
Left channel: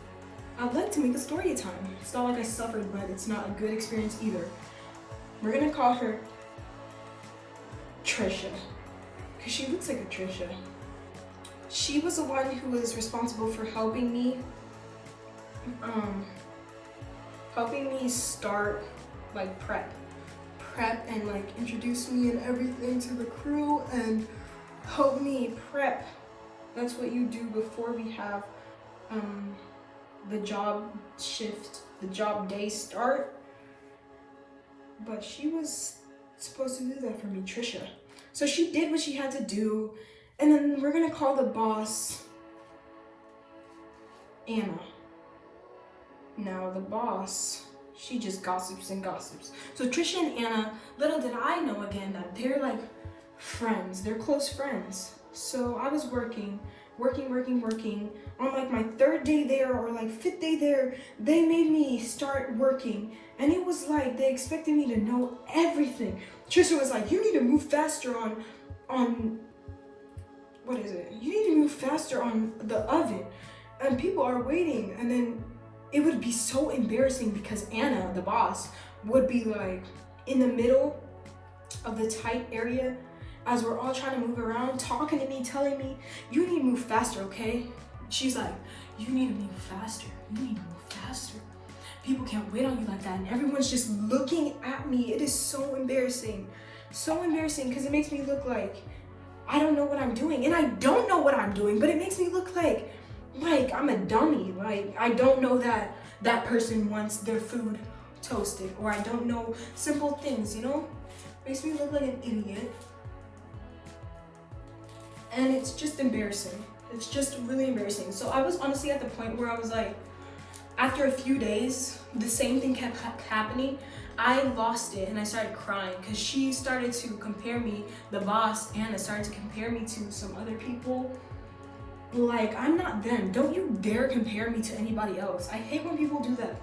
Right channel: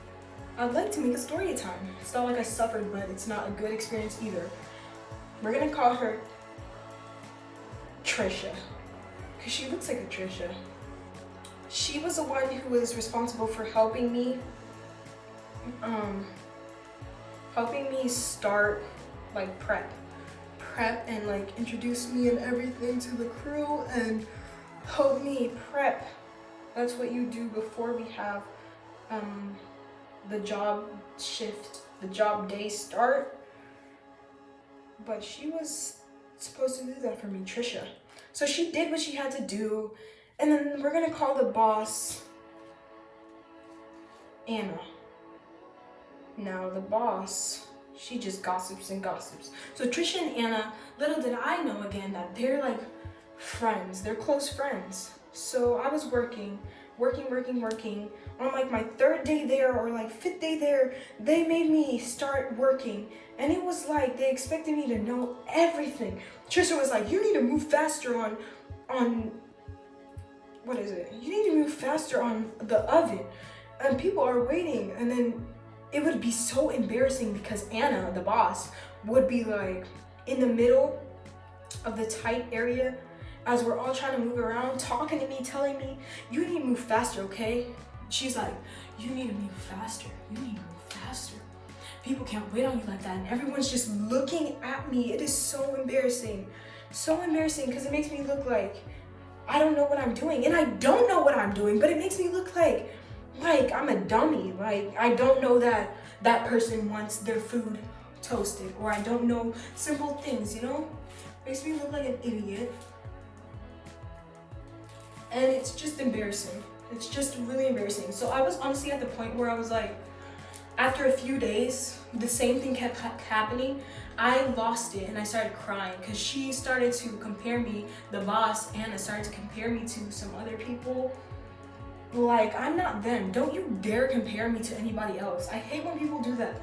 I'd like to make a story time. It's not like I suffered, but it's not a good experience either. We're gonna call her Trisha, because she looks like a Trisha. She was the one who was responsible for helping me start like prep and like introduce me and everything to the crew and help me prep. That's what you do before we have the job shift, the job day start. But she was supposed to do that for me, Trisha. So she did what she had to do, and then we're gonna call the boss Anna. Now the boss, she just gossips and gossips. So Trisha and Anna, little did I know again that they're like friends, they're close friends. So I was working. On like my 3rd day there or like 5th day there, they made me start working. And it was like they expected me to know everything. Trisha was like, you need to move faster on what is it? You need to move faster on the oven. And people are waiting. And then it would be so embarrassing because Anna, the boss, would be like in the middle of the tight area as we're all trying to move around, talking to me, telling me, you need to move faster, okay? She's like, you need to move faster. You need to move faster. People can't wait on you like that. And everyone's just looking at me. It is so embarrassing. So embarrassing because it makes me look like I don't know what I'm doing. And I don't know what I'm doing, but it makes me look like I'm a dummy. Like I don't know that that person wants their food toasted, or I don't know simple things, you know? Makes me look like an idiot. And it's just embarrassing. It's just really embarrassing. So I was honestly at the point where I was like, after a few days, the same thing kept happening. I lost it and I started crying because she started to compare me, the boss, Anna, started to compare me to some other people. Like, I'm not them. Don't you dare compare me to anybody else. I hate when people do that.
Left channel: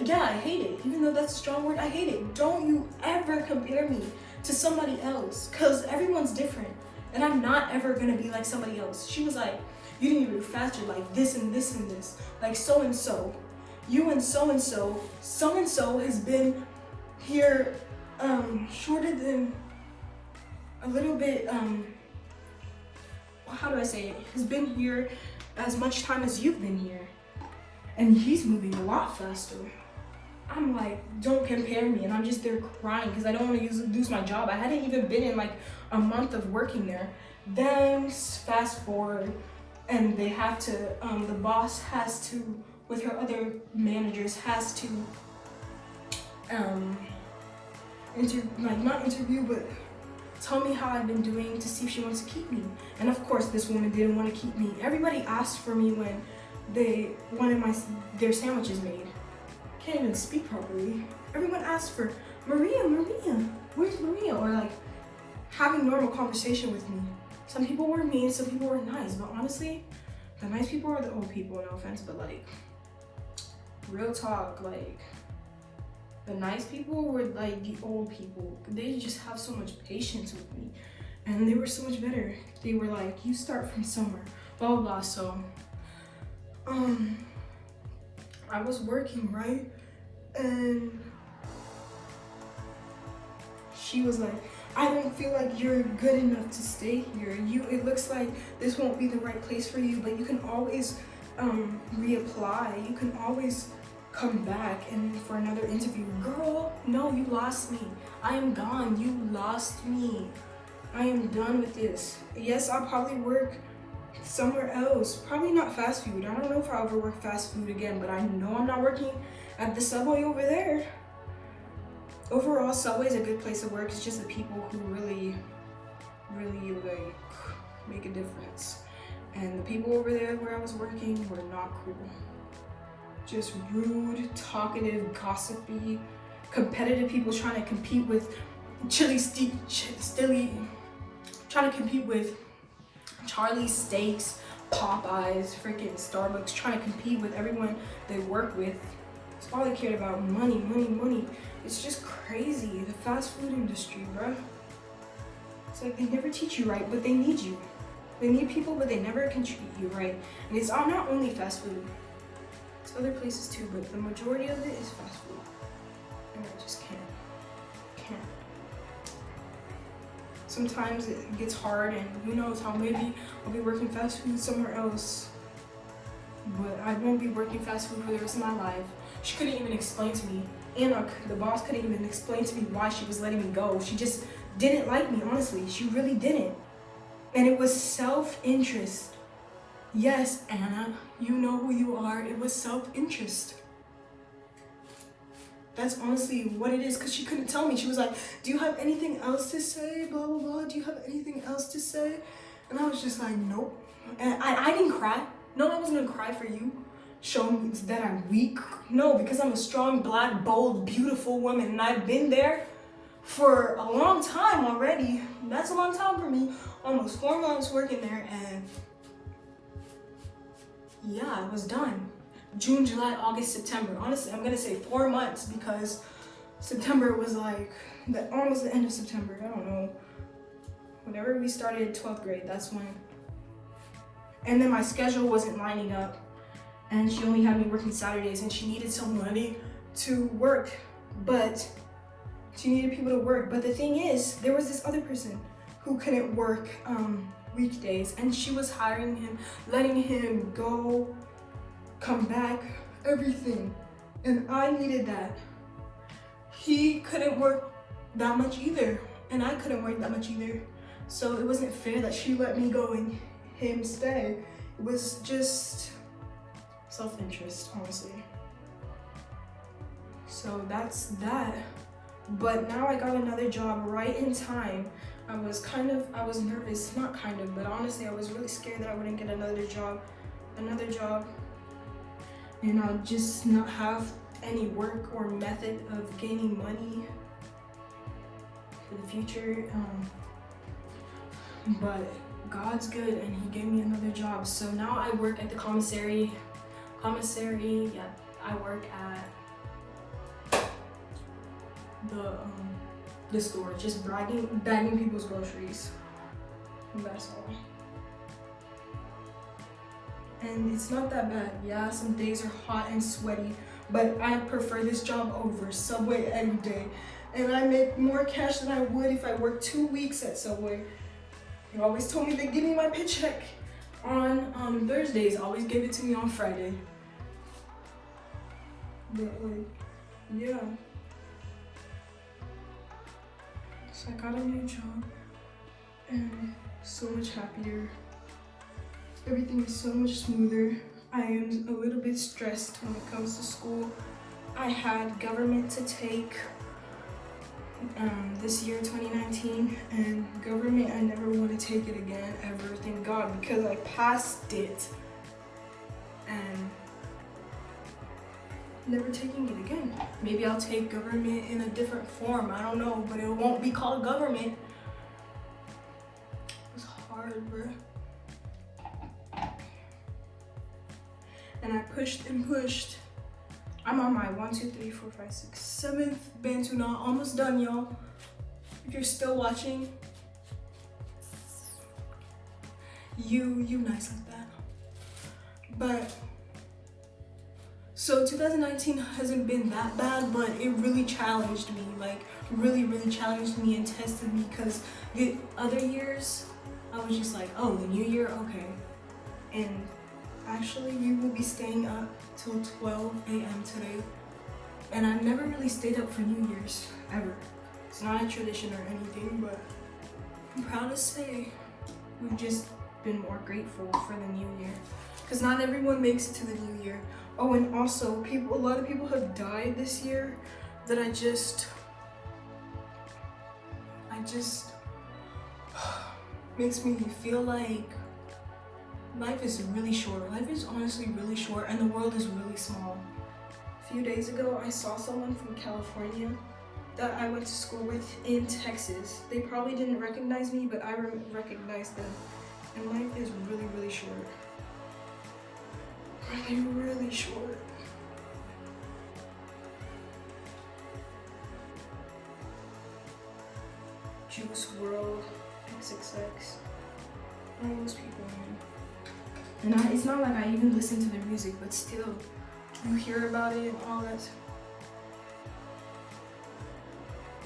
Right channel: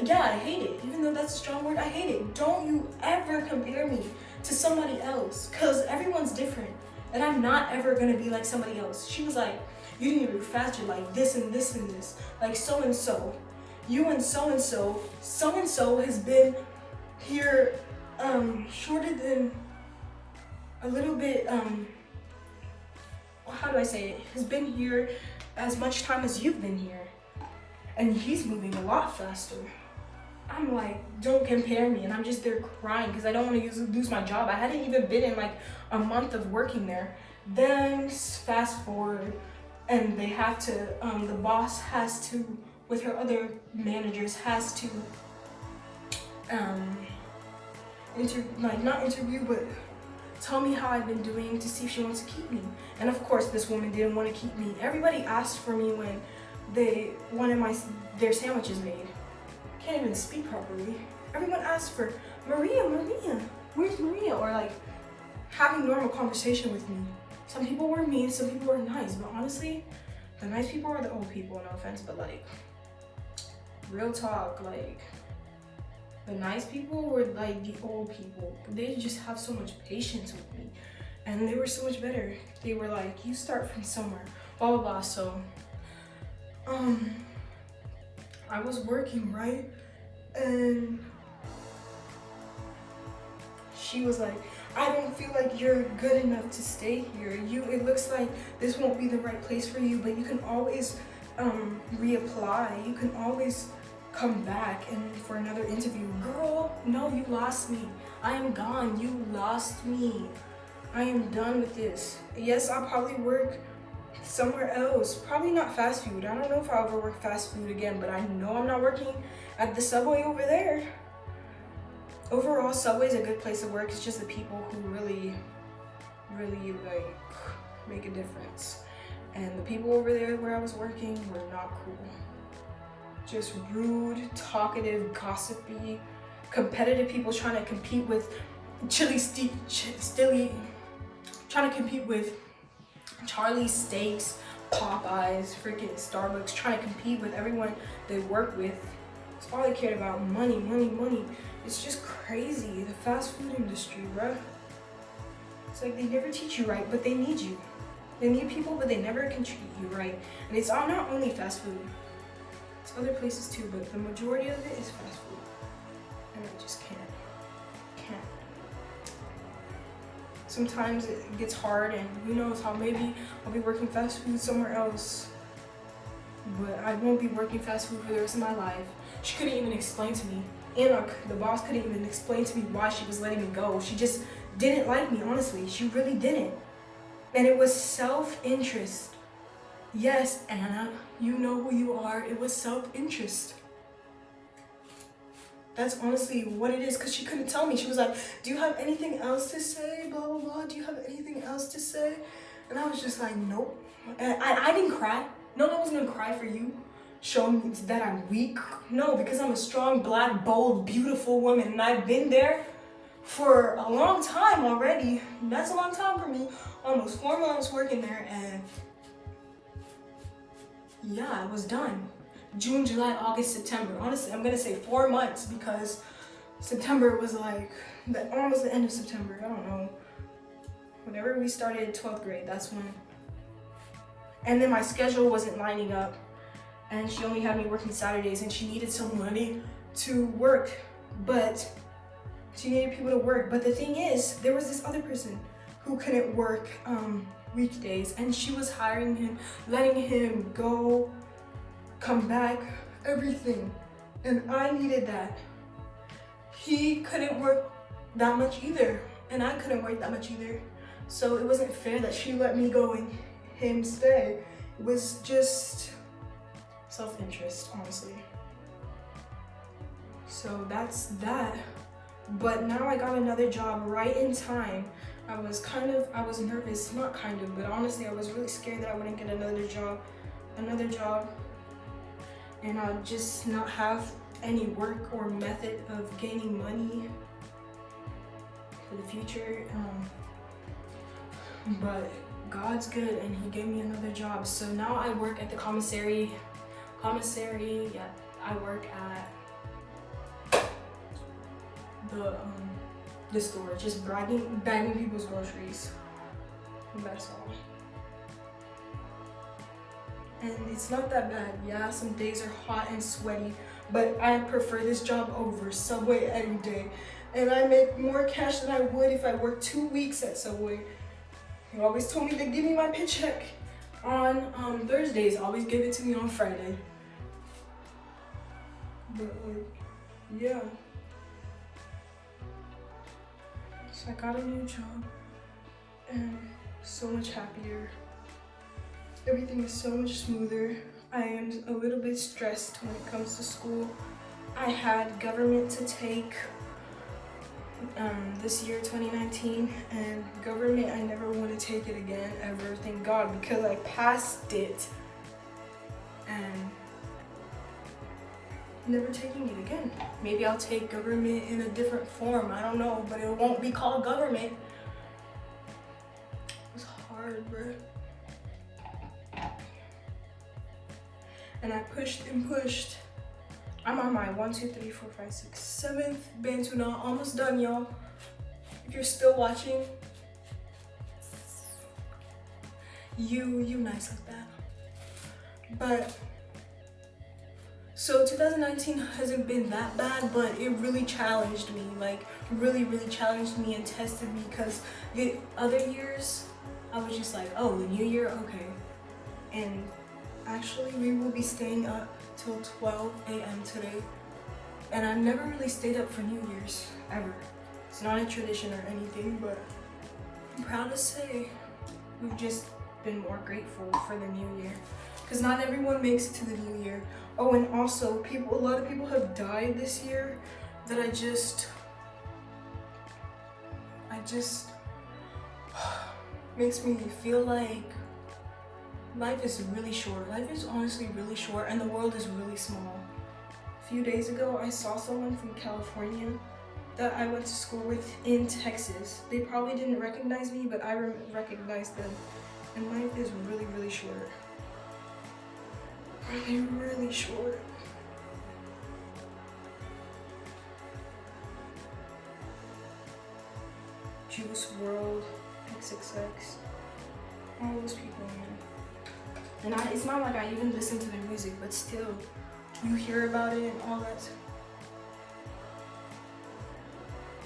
Yeah, I hate it. Even though that's a strong word, I hate it. Don't you ever compare me to somebody else because everyone's different. And I'm not ever gonna be like somebody else. She was like, you need to move faster, like this and this and this. Like so-and-so, you and so-and-so. So-and-so has been here shorter than a little bit, how do I say it? Has been here as much time as you've been here. And he's moving a lot faster. I'm like, don't compare me. And I'm just there crying because I don't want to lose my job. I hadn't even been in like a month of working there. Then fast forward, and they have to, the boss has to, with her other managers, has to, not interview, but tell me how I've been doing to see if she wants to keep me. And of course, this woman didn't want to keep me. Everybody asked for me when they wanted their sandwiches made. Can't even speak properly. Everyone asked for Maria, where's Maria? Or like having normal conversation with me. Some people were mean, some people were nice, but honestly, the nice people are the old people, no offense, but like, real talk, like, the nice people were like the old people. They just have so much patience with me. And they were so much better. They were like, you start from somewhere, blah, blah, blah. So, I was working, right? And she was like, I don't feel like you're good enough to stay here. It looks like this won't be the right place for you, but you can always reapply. You can always come back and for another interview. Girl, no, you lost me. I am gone. You lost me. I am done with this. Yes, I'll probably work somewhere else. Probably not fast food. I don't know if I'll ever work fast food again, but I know I'm not working at the Subway over there. Overall, Subway's a good place to work. It's just the people who really like make a difference. And the people over there where I was working were not cool. Just rude, talkative, gossipy, competitive people trying to compete with trying to compete with Charlie's Steaks, Popeyes, freaking Starbucks, trying to compete with everyone they work with. It's all they cared about, money, money, money. It's just crazy, the fast food industry, bro. It's like they never teach you right, but they need you. They need people, but they never can treat you right. And it's not only fast food. It's other places too, but the majority of it is fast food. And I just can't. Sometimes it gets hard, and who knows how maybe I'll be working fast food somewhere else. But I won't be working fast food for the rest of my life. She couldn't even explain to me. Anna, the boss, couldn't even explain to me why she was letting me go. She just didn't like me, honestly. She really didn't. And it was self-interest. Yes, Anna, you know who you are. It was self-interest. That's honestly what it is, because she couldn't tell me. She was like, do you have anything else to say? Blah, blah, blah. Do you have anything else to say? And I was just like, nope. And I didn't cry. No, I wasn't gonna cry for you. Show me that I'm weak. No, because I'm a strong, black, bold, beautiful woman, and I've been there for a long time already. That's a long time for me. Almost 4 months working there, and yeah, I was done. June, July, August, September. Honestly, I'm gonna say 4 months because September was like almost the end of September. I don't know. Whenever we started 12th grade, that's when. And then my schedule wasn't lining up, and she only had me working Saturdays, and she needed some money to work, but she needed people to work. But the thing is, there was this other person who couldn't work weekdays, and she was hiring him, letting him go, come back, everything. And I needed that. He couldn't work that much either, and I couldn't work that much either. So it wasn't fair that she let me go and him stay. It was just self-interest, honestly. So that's that. But now I got another job right in time. I was nervous, not kind of, but honestly, I was really scared that I wouldn't get another job, and I'll just not have any work or method of gaining money for the future. But God's good, and He gave me another job. So now I work at the commissary. Yeah, I work at the store, just bagging people's groceries. And that's all. And it's not that bad. Yeah, some days are hot and sweaty, but I prefer this job over Subway any day. And I make more cash than I would if I worked 2 weeks at Subway. He always told me to give me my paycheck on Thursdays. Always give it to me on Friday. But like, yeah. So I got a new job, and so much happier. Everything is so much smoother. I am a little bit stressed when it comes to school. I had government to take this year, 2019, and government, I never want to take it again, ever, thank God, because I passed it, and never taking it again. Maybe I'll take government in a different form, I don't know, but it won't be called government. It's hard, bro. And I pushed and pushed. I'm on my 1, 2, 3, 4, 5, 6, 7th Bantu Knot, almost done, y'all. If you're still watching, you nice like that. But so 2019 hasn't been that bad, but it really challenged me, like really challenged me and tested me, because the other years I was just like, oh, new year, okay. And actually we will be staying up till 12 a.m. today, and I've never really stayed up for New Year's, ever. It's not a tradition or anything, but I'm proud to say we've just been more grateful for the new year, because not everyone makes it to the new year. Oh, and also a lot of people have died this year that I just makes me feel like life is really short. Life is honestly really short, and the world is really small. A few days ago, I saw someone from California that I went to school with in Texas. They probably didn't recognize me, but I recognized them. And life is really short. Really short. Juice WRLD, XXX, all those people, man. And it's not like I even listen to their music, but still, you hear about it and all that.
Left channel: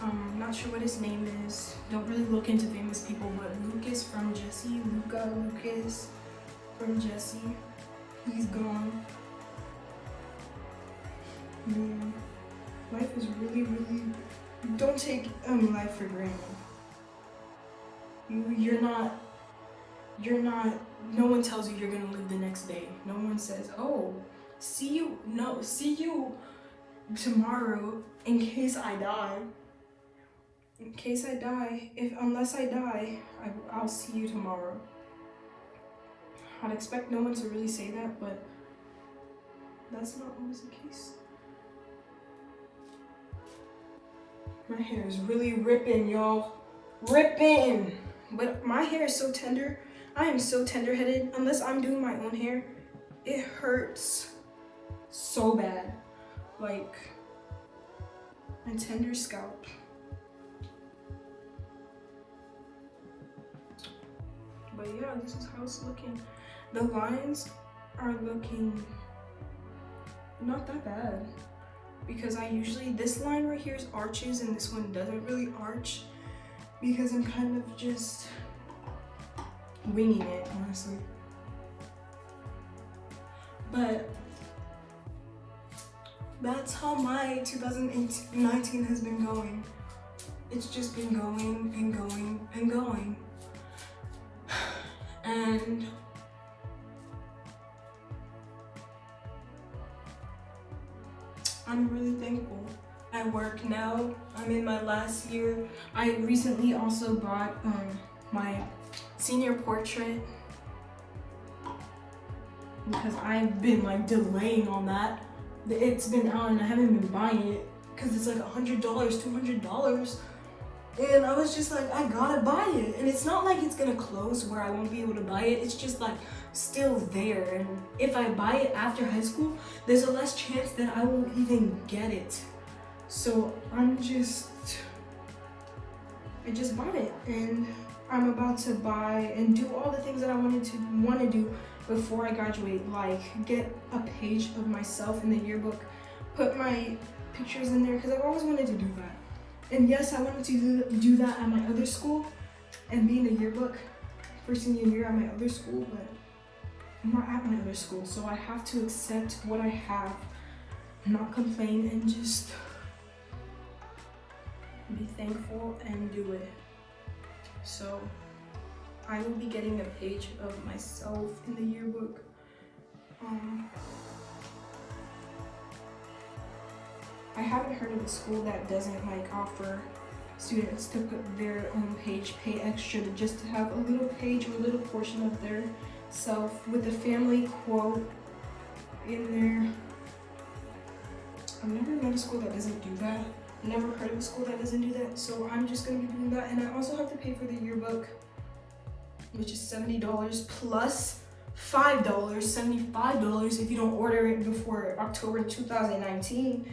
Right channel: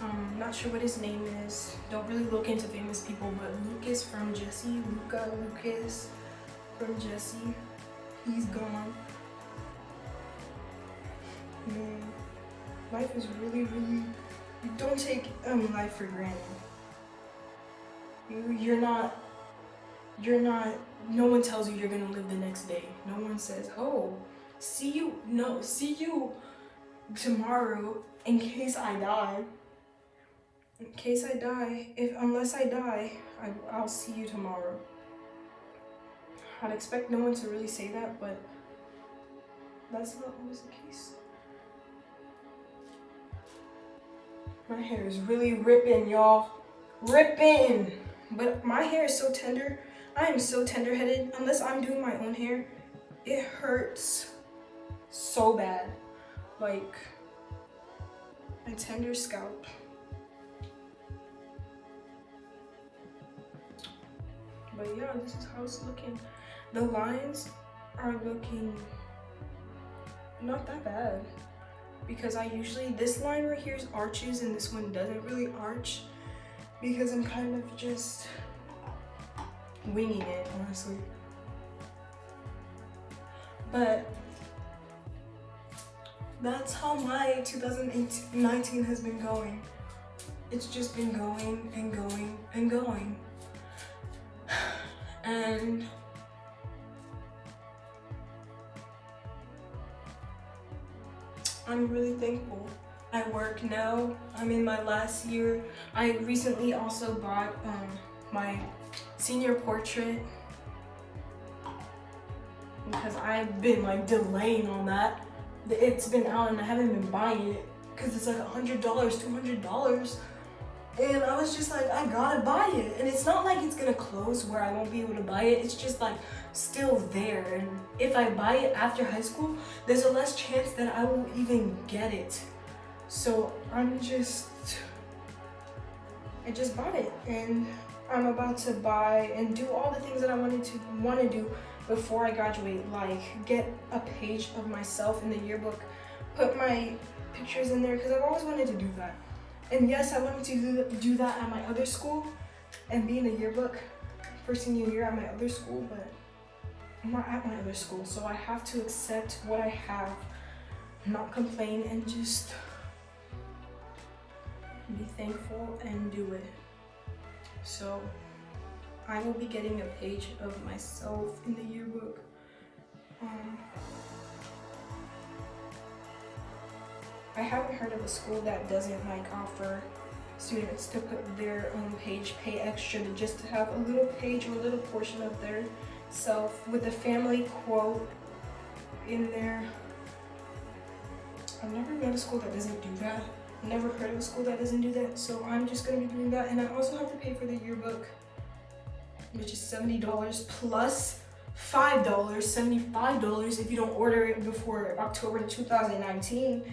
I'm not sure what his name is. Don't really look into famous people, but Lucas from Jessie, Lucas from Jessie, he's gone. Life is really, don't take life for granted. No one tells you you're gonna live the next day. No one says, oh, see you tomorrow in case I die. In case I die, unless I die, I'll see you tomorrow. I'd expect no one to really say that, but that's not always the case. My hair is really ripping, y'all. Ripping! But my hair is so tender. I am so tender-headed. Unless I'm doing my own hair, it hurts so bad. Like, my tender scalp. But yeah, this is how it's looking. The lines are looking not that bad, because I usually, this line right here is arches and this one doesn't really arch, because I'm kind of just winging it, honestly. But that's how my 2019 has been going. It's just been going and going and going. And I'm really thankful. I work now. I'm in my last year. I recently also bought my senior portrait, because I've been like delaying on that. It's been out and I haven't been buying it because it's like $100, $200. And I was just like, I gotta buy it. And it's not like it's gonna close where I won't be able to buy it. It's just like still there. And if I buy it after high school, there's a less chance that I will even get it. So I just bought it, and I'm about to buy and do all the things that I want to do before I graduate, like get a page of myself in the yearbook, put my pictures in there, because I've always wanted to do that. And yes, I wanted to do that at my other school and be in the yearbook for senior year at my other school, but I'm not at my other school, so I have to accept what I have, not complain, and just be thankful and do it. So I will be getting a page of myself in the yearbook. I haven't heard of a school that doesn't like offer students to put their own page, pay extra just to have a little page or a little portion of their self with a family quote in there. I've never been to a school that doesn't do that. Never heard of a school that doesn't do that, so I'm just gonna be doing that. And I also have to pay for the yearbook, which is $70 plus $5, $75 if you don't order it before October 2019,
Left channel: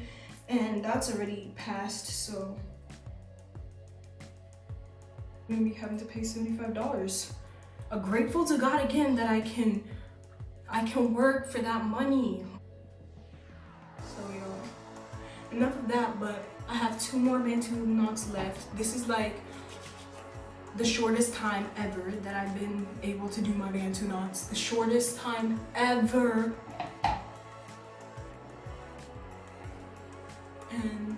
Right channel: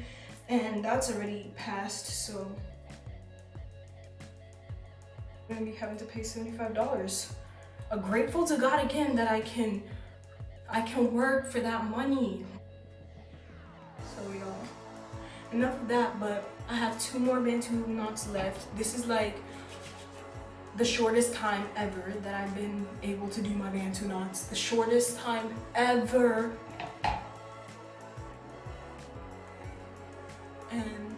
and that's already passed, so I'm gonna be having to pay $75. I'm grateful to God again that I can work for that money. So you know, enough of that, but I have 2 more Bantu knots left. This is like the shortest time ever that I've been able to do my Bantu knots. The shortest time ever. And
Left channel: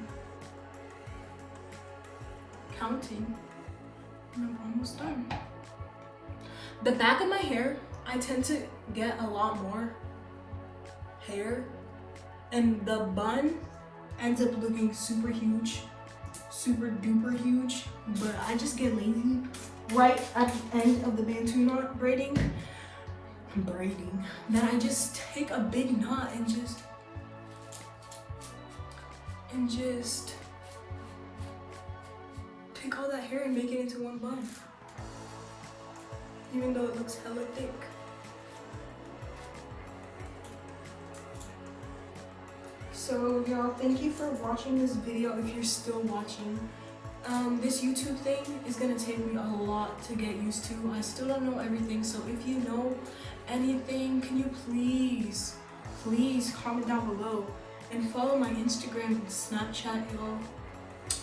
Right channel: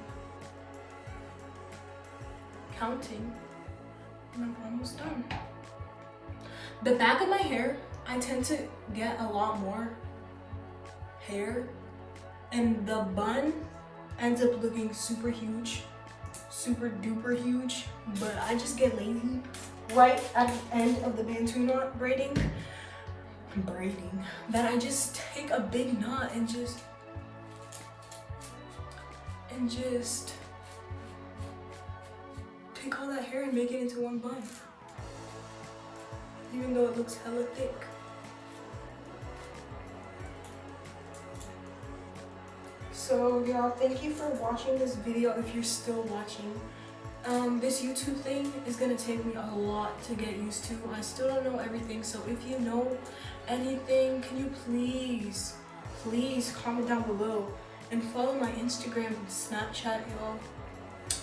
counting. I'm almost done. The back of my hair, I tend to get a lot more hair, and the bun ends up looking super huge, super duper huge, but I just get lazy right at the end of the Bantu knot braiding, that I just take a big knot and just take all that hair and make it into one bun, even though it looks hella thick. So y'all, thank you for watching this video if you're still watching. This YouTube thing is gonna take me a lot to get used to. I still don't know everything, so if you know anything, can you please comment down below and follow my Instagram and Snapchat, y'all.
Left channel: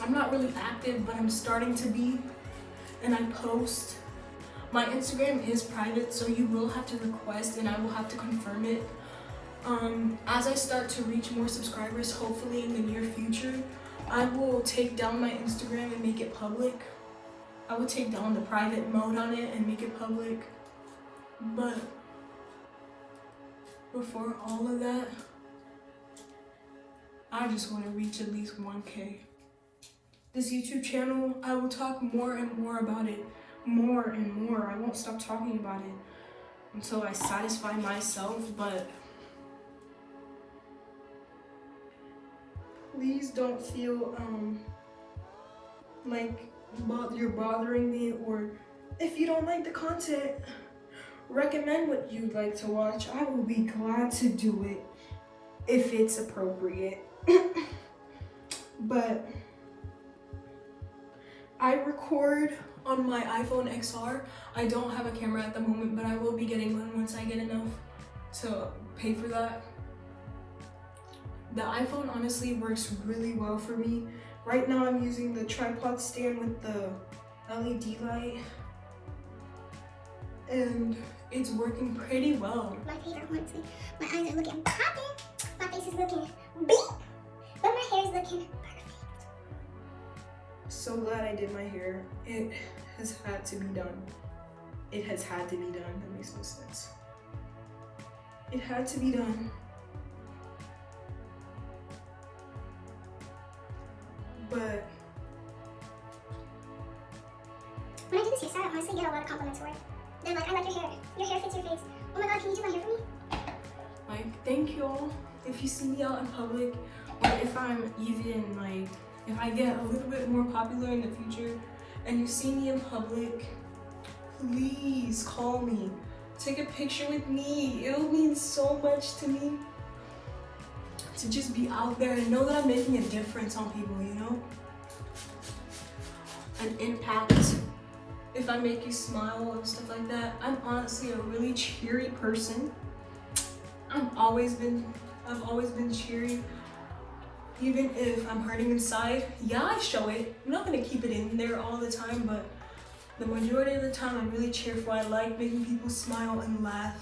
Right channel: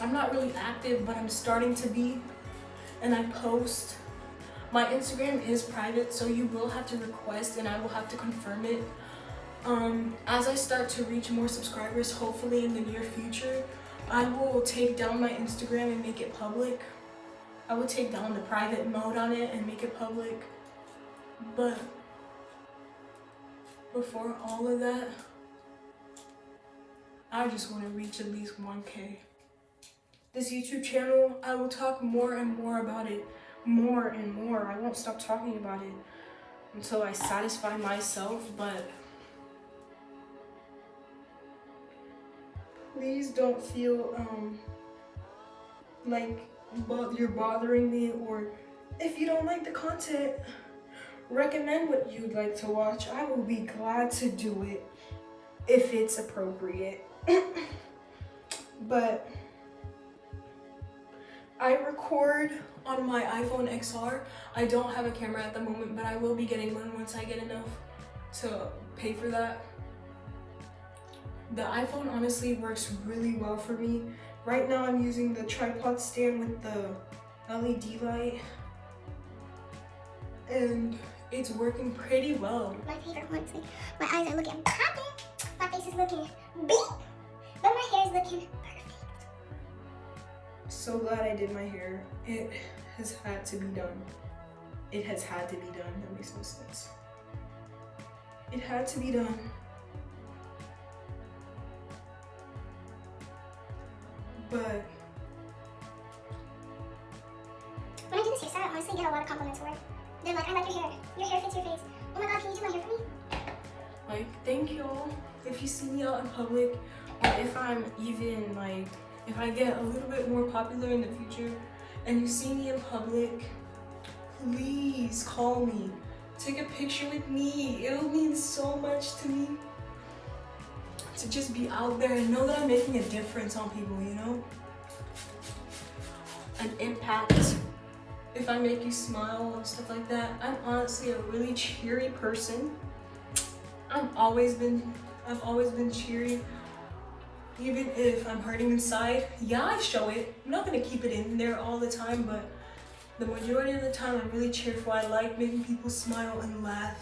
I'm not really active, but I'm starting to be, and I post. My Instagram is private, so you will have to request and I will have to confirm it. As I start to reach more subscribers, hopefully in the near future, I will take down my Instagram and make it public. I will take down the private mode on it and make it public. But before all of that, I just want to reach at least 1K. This YouTube channel, I will talk more and more about it. More and more. I won't stop talking about it. until I satisfy myself, but please don't feel like you're bothering me, or if you don't like the content, recommend what you'd like to watch. I will be glad to do it if it's appropriate. But I record on my iPhone XR. I don't have a camera at the moment, but I will be getting one once I get enough to pay for that. The iPhone honestly works really well for me. Right now I'm using the tripod stand with the LED light, and it's working pretty well. My favorite, honestly. My eyes are looking popping, my face is looking beat, but my hair is looking perfect. So glad I did my hair. It has had to be done. It has had to be done. That makes no sense. It had to be done. But when I do this hairstyle, I honestly get a lot of compliments for it. They're like, I like your hair. Your hair fits your face. Oh my god, can you do my hair for me? like, thank y'all. If you see me out in public, or if I'm even like, if I get a little bit more popular in the future and you see me in public, please call me. Take a picture with me. It'll mean so much to me to just be out there and know that I'm making a difference on people, you know? An impact. If I make you smile and stuff like that. I'm honestly a really cheery person. I've always been cheery. Even if I'm hurting inside, yeah, I show it. I'm not gonna keep it in there all the time, but the majority of the time I'm really cheerful. I like making people smile and laugh.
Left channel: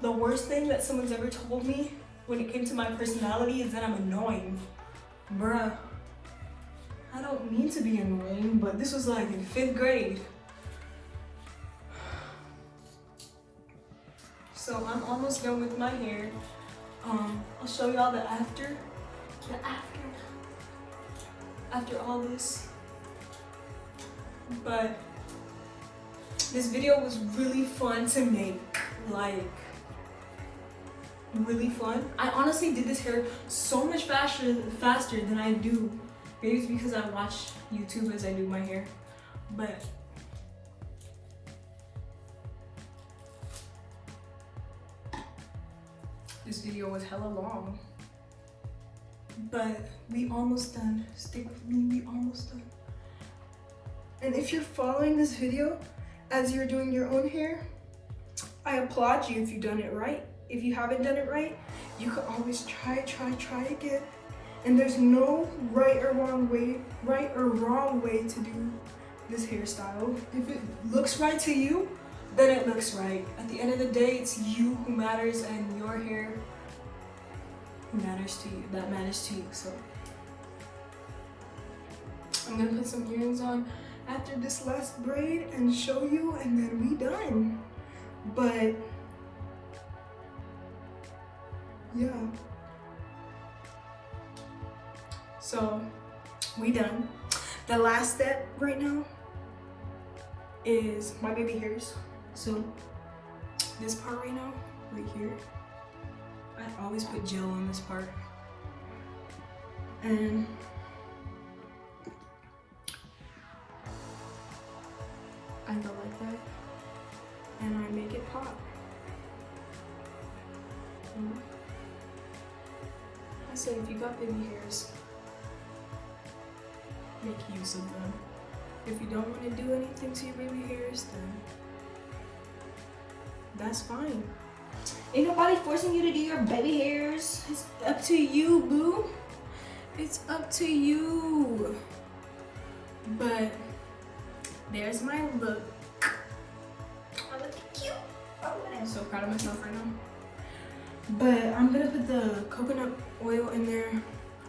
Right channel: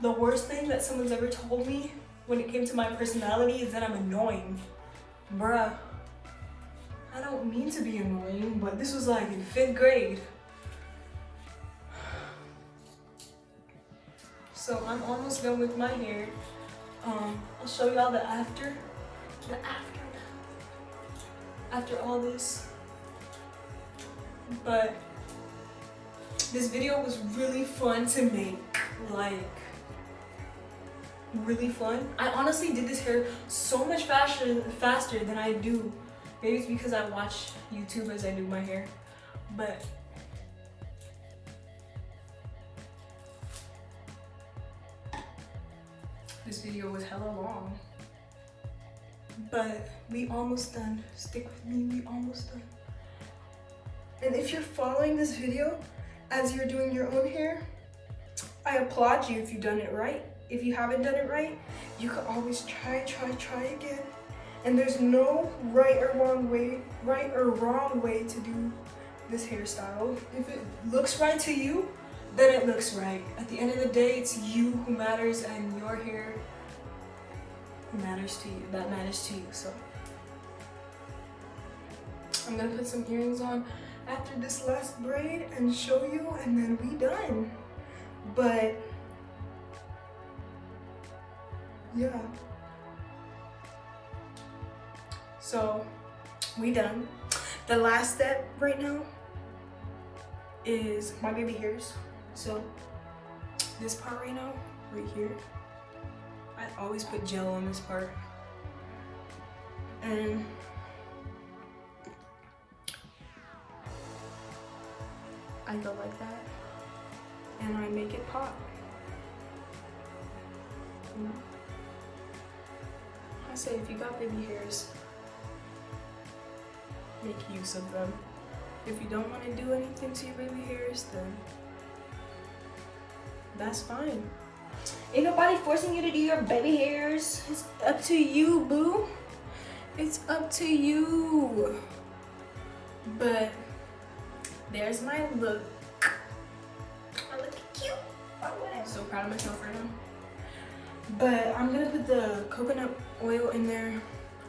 The worst thing that someone's ever told me when it came to my personality is that I'm annoying. Bruh, I don't mean to be annoying, but this was like in 5th grade. So I'm almost done with my hair. I'll show y'all the after. After all this. But this video was really fun to make, like really fun. I honestly did this hair so much faster than I do. Maybe it's because I watch YouTube as I do my hair, but this video was hella long. But we almost done. Stick with me, we almost done. And if you're following this video as you're doing your own hair, I applaud you if you've done it right. If you haven't done it right, you can always try again. And there's no right or wrong way to do this hairstyle. If it looks right to you, then it looks right. At the end of the day, it's you who matters, and your hair matters to you. That matters to you. So I'm gonna put some earrings on after this last braid and show you, and then we done. But yeah, so we done. The last step right now is my baby hairs. So this part right now, right here, I always put gel on this part, and I go like that, and I make it pop. I say, if you got baby hairs, make use of them. If you don't want to do anything to your baby hairs, then that's fine. Ain't nobody forcing you to do your baby hairs. It's up to you, boo. It's up to you. But there's my look. I look cute. I'm so proud of myself right now. But I'm gonna put the coconut oil in there.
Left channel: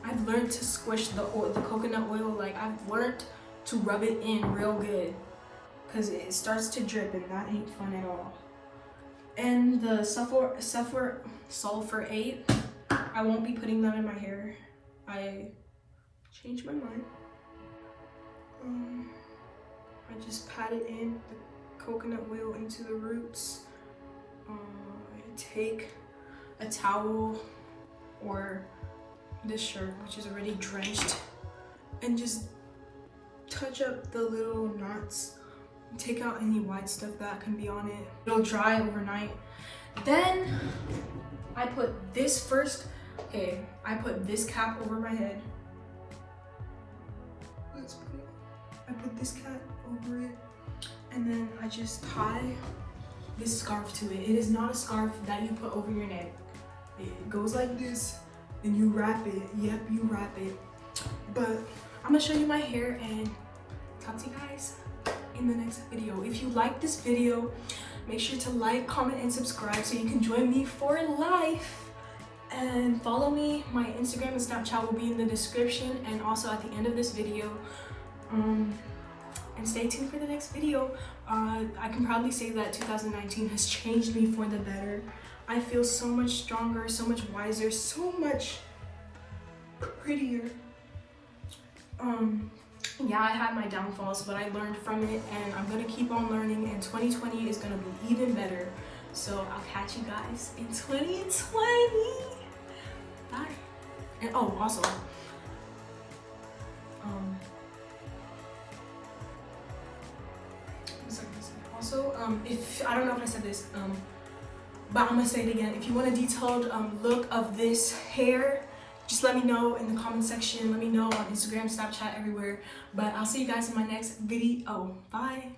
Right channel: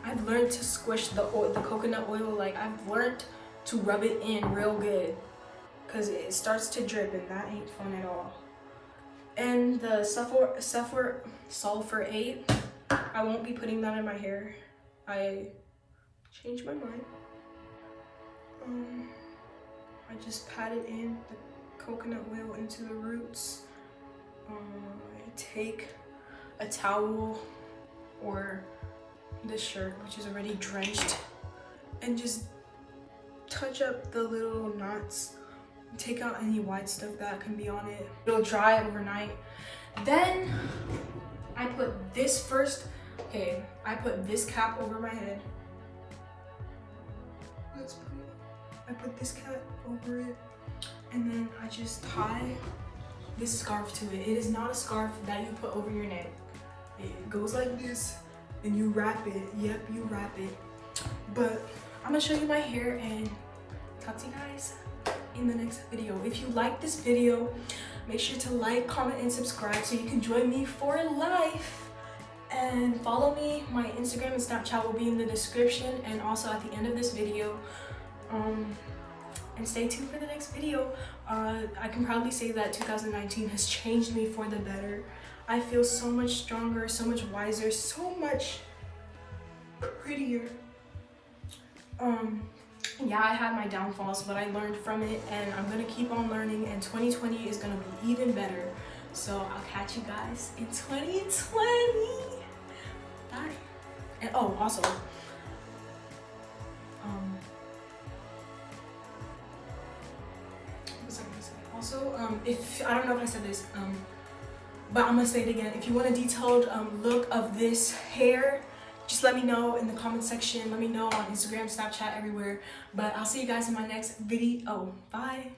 I've learned to squish the coconut oil. Like, I've learned to rub it in real good, because it starts to drip, and that ain't fun at all. And the sulfur-8, I won't be putting that in my hair. I changed my mind. I just patted in the coconut oil into the roots take a towel or this shirt, which is already drenched, and just touch up the little knots, take out any white stuff that can be on it. It'll dry overnight. Then I put this first. Okay, I put this cap over my head. I put this cap over it, and then I just tie this scarf to it. It is not a scarf that you put over your neck. It goes like this, and you wrap it. Yep, you wrap it. But I'm gonna show you my hair and talk to you guys in the next video. If you like this video, make sure to like, comment, and subscribe so you can join me for life. And follow me. My Instagram and Snapchat will be in the description and also at the end of this video. And stay tuned for the next video. I can probably say that 2019 has changed me for the better. I feel so much stronger, so much wiser, so much prettier. Yeah, I had my downfalls, but I learned from it, and I'm gonna keep on learning, and 2020 is gonna be even better. So I'll catch you guys in 2020. Bye. And oh, also, if I don't know if I said this, but I'm gonna say it again. If you want a detailed look of this hair, just let me know in the comment section. Let me know on Instagram, Snapchat, everywhere. But I'll see you guys in my next video. Bye.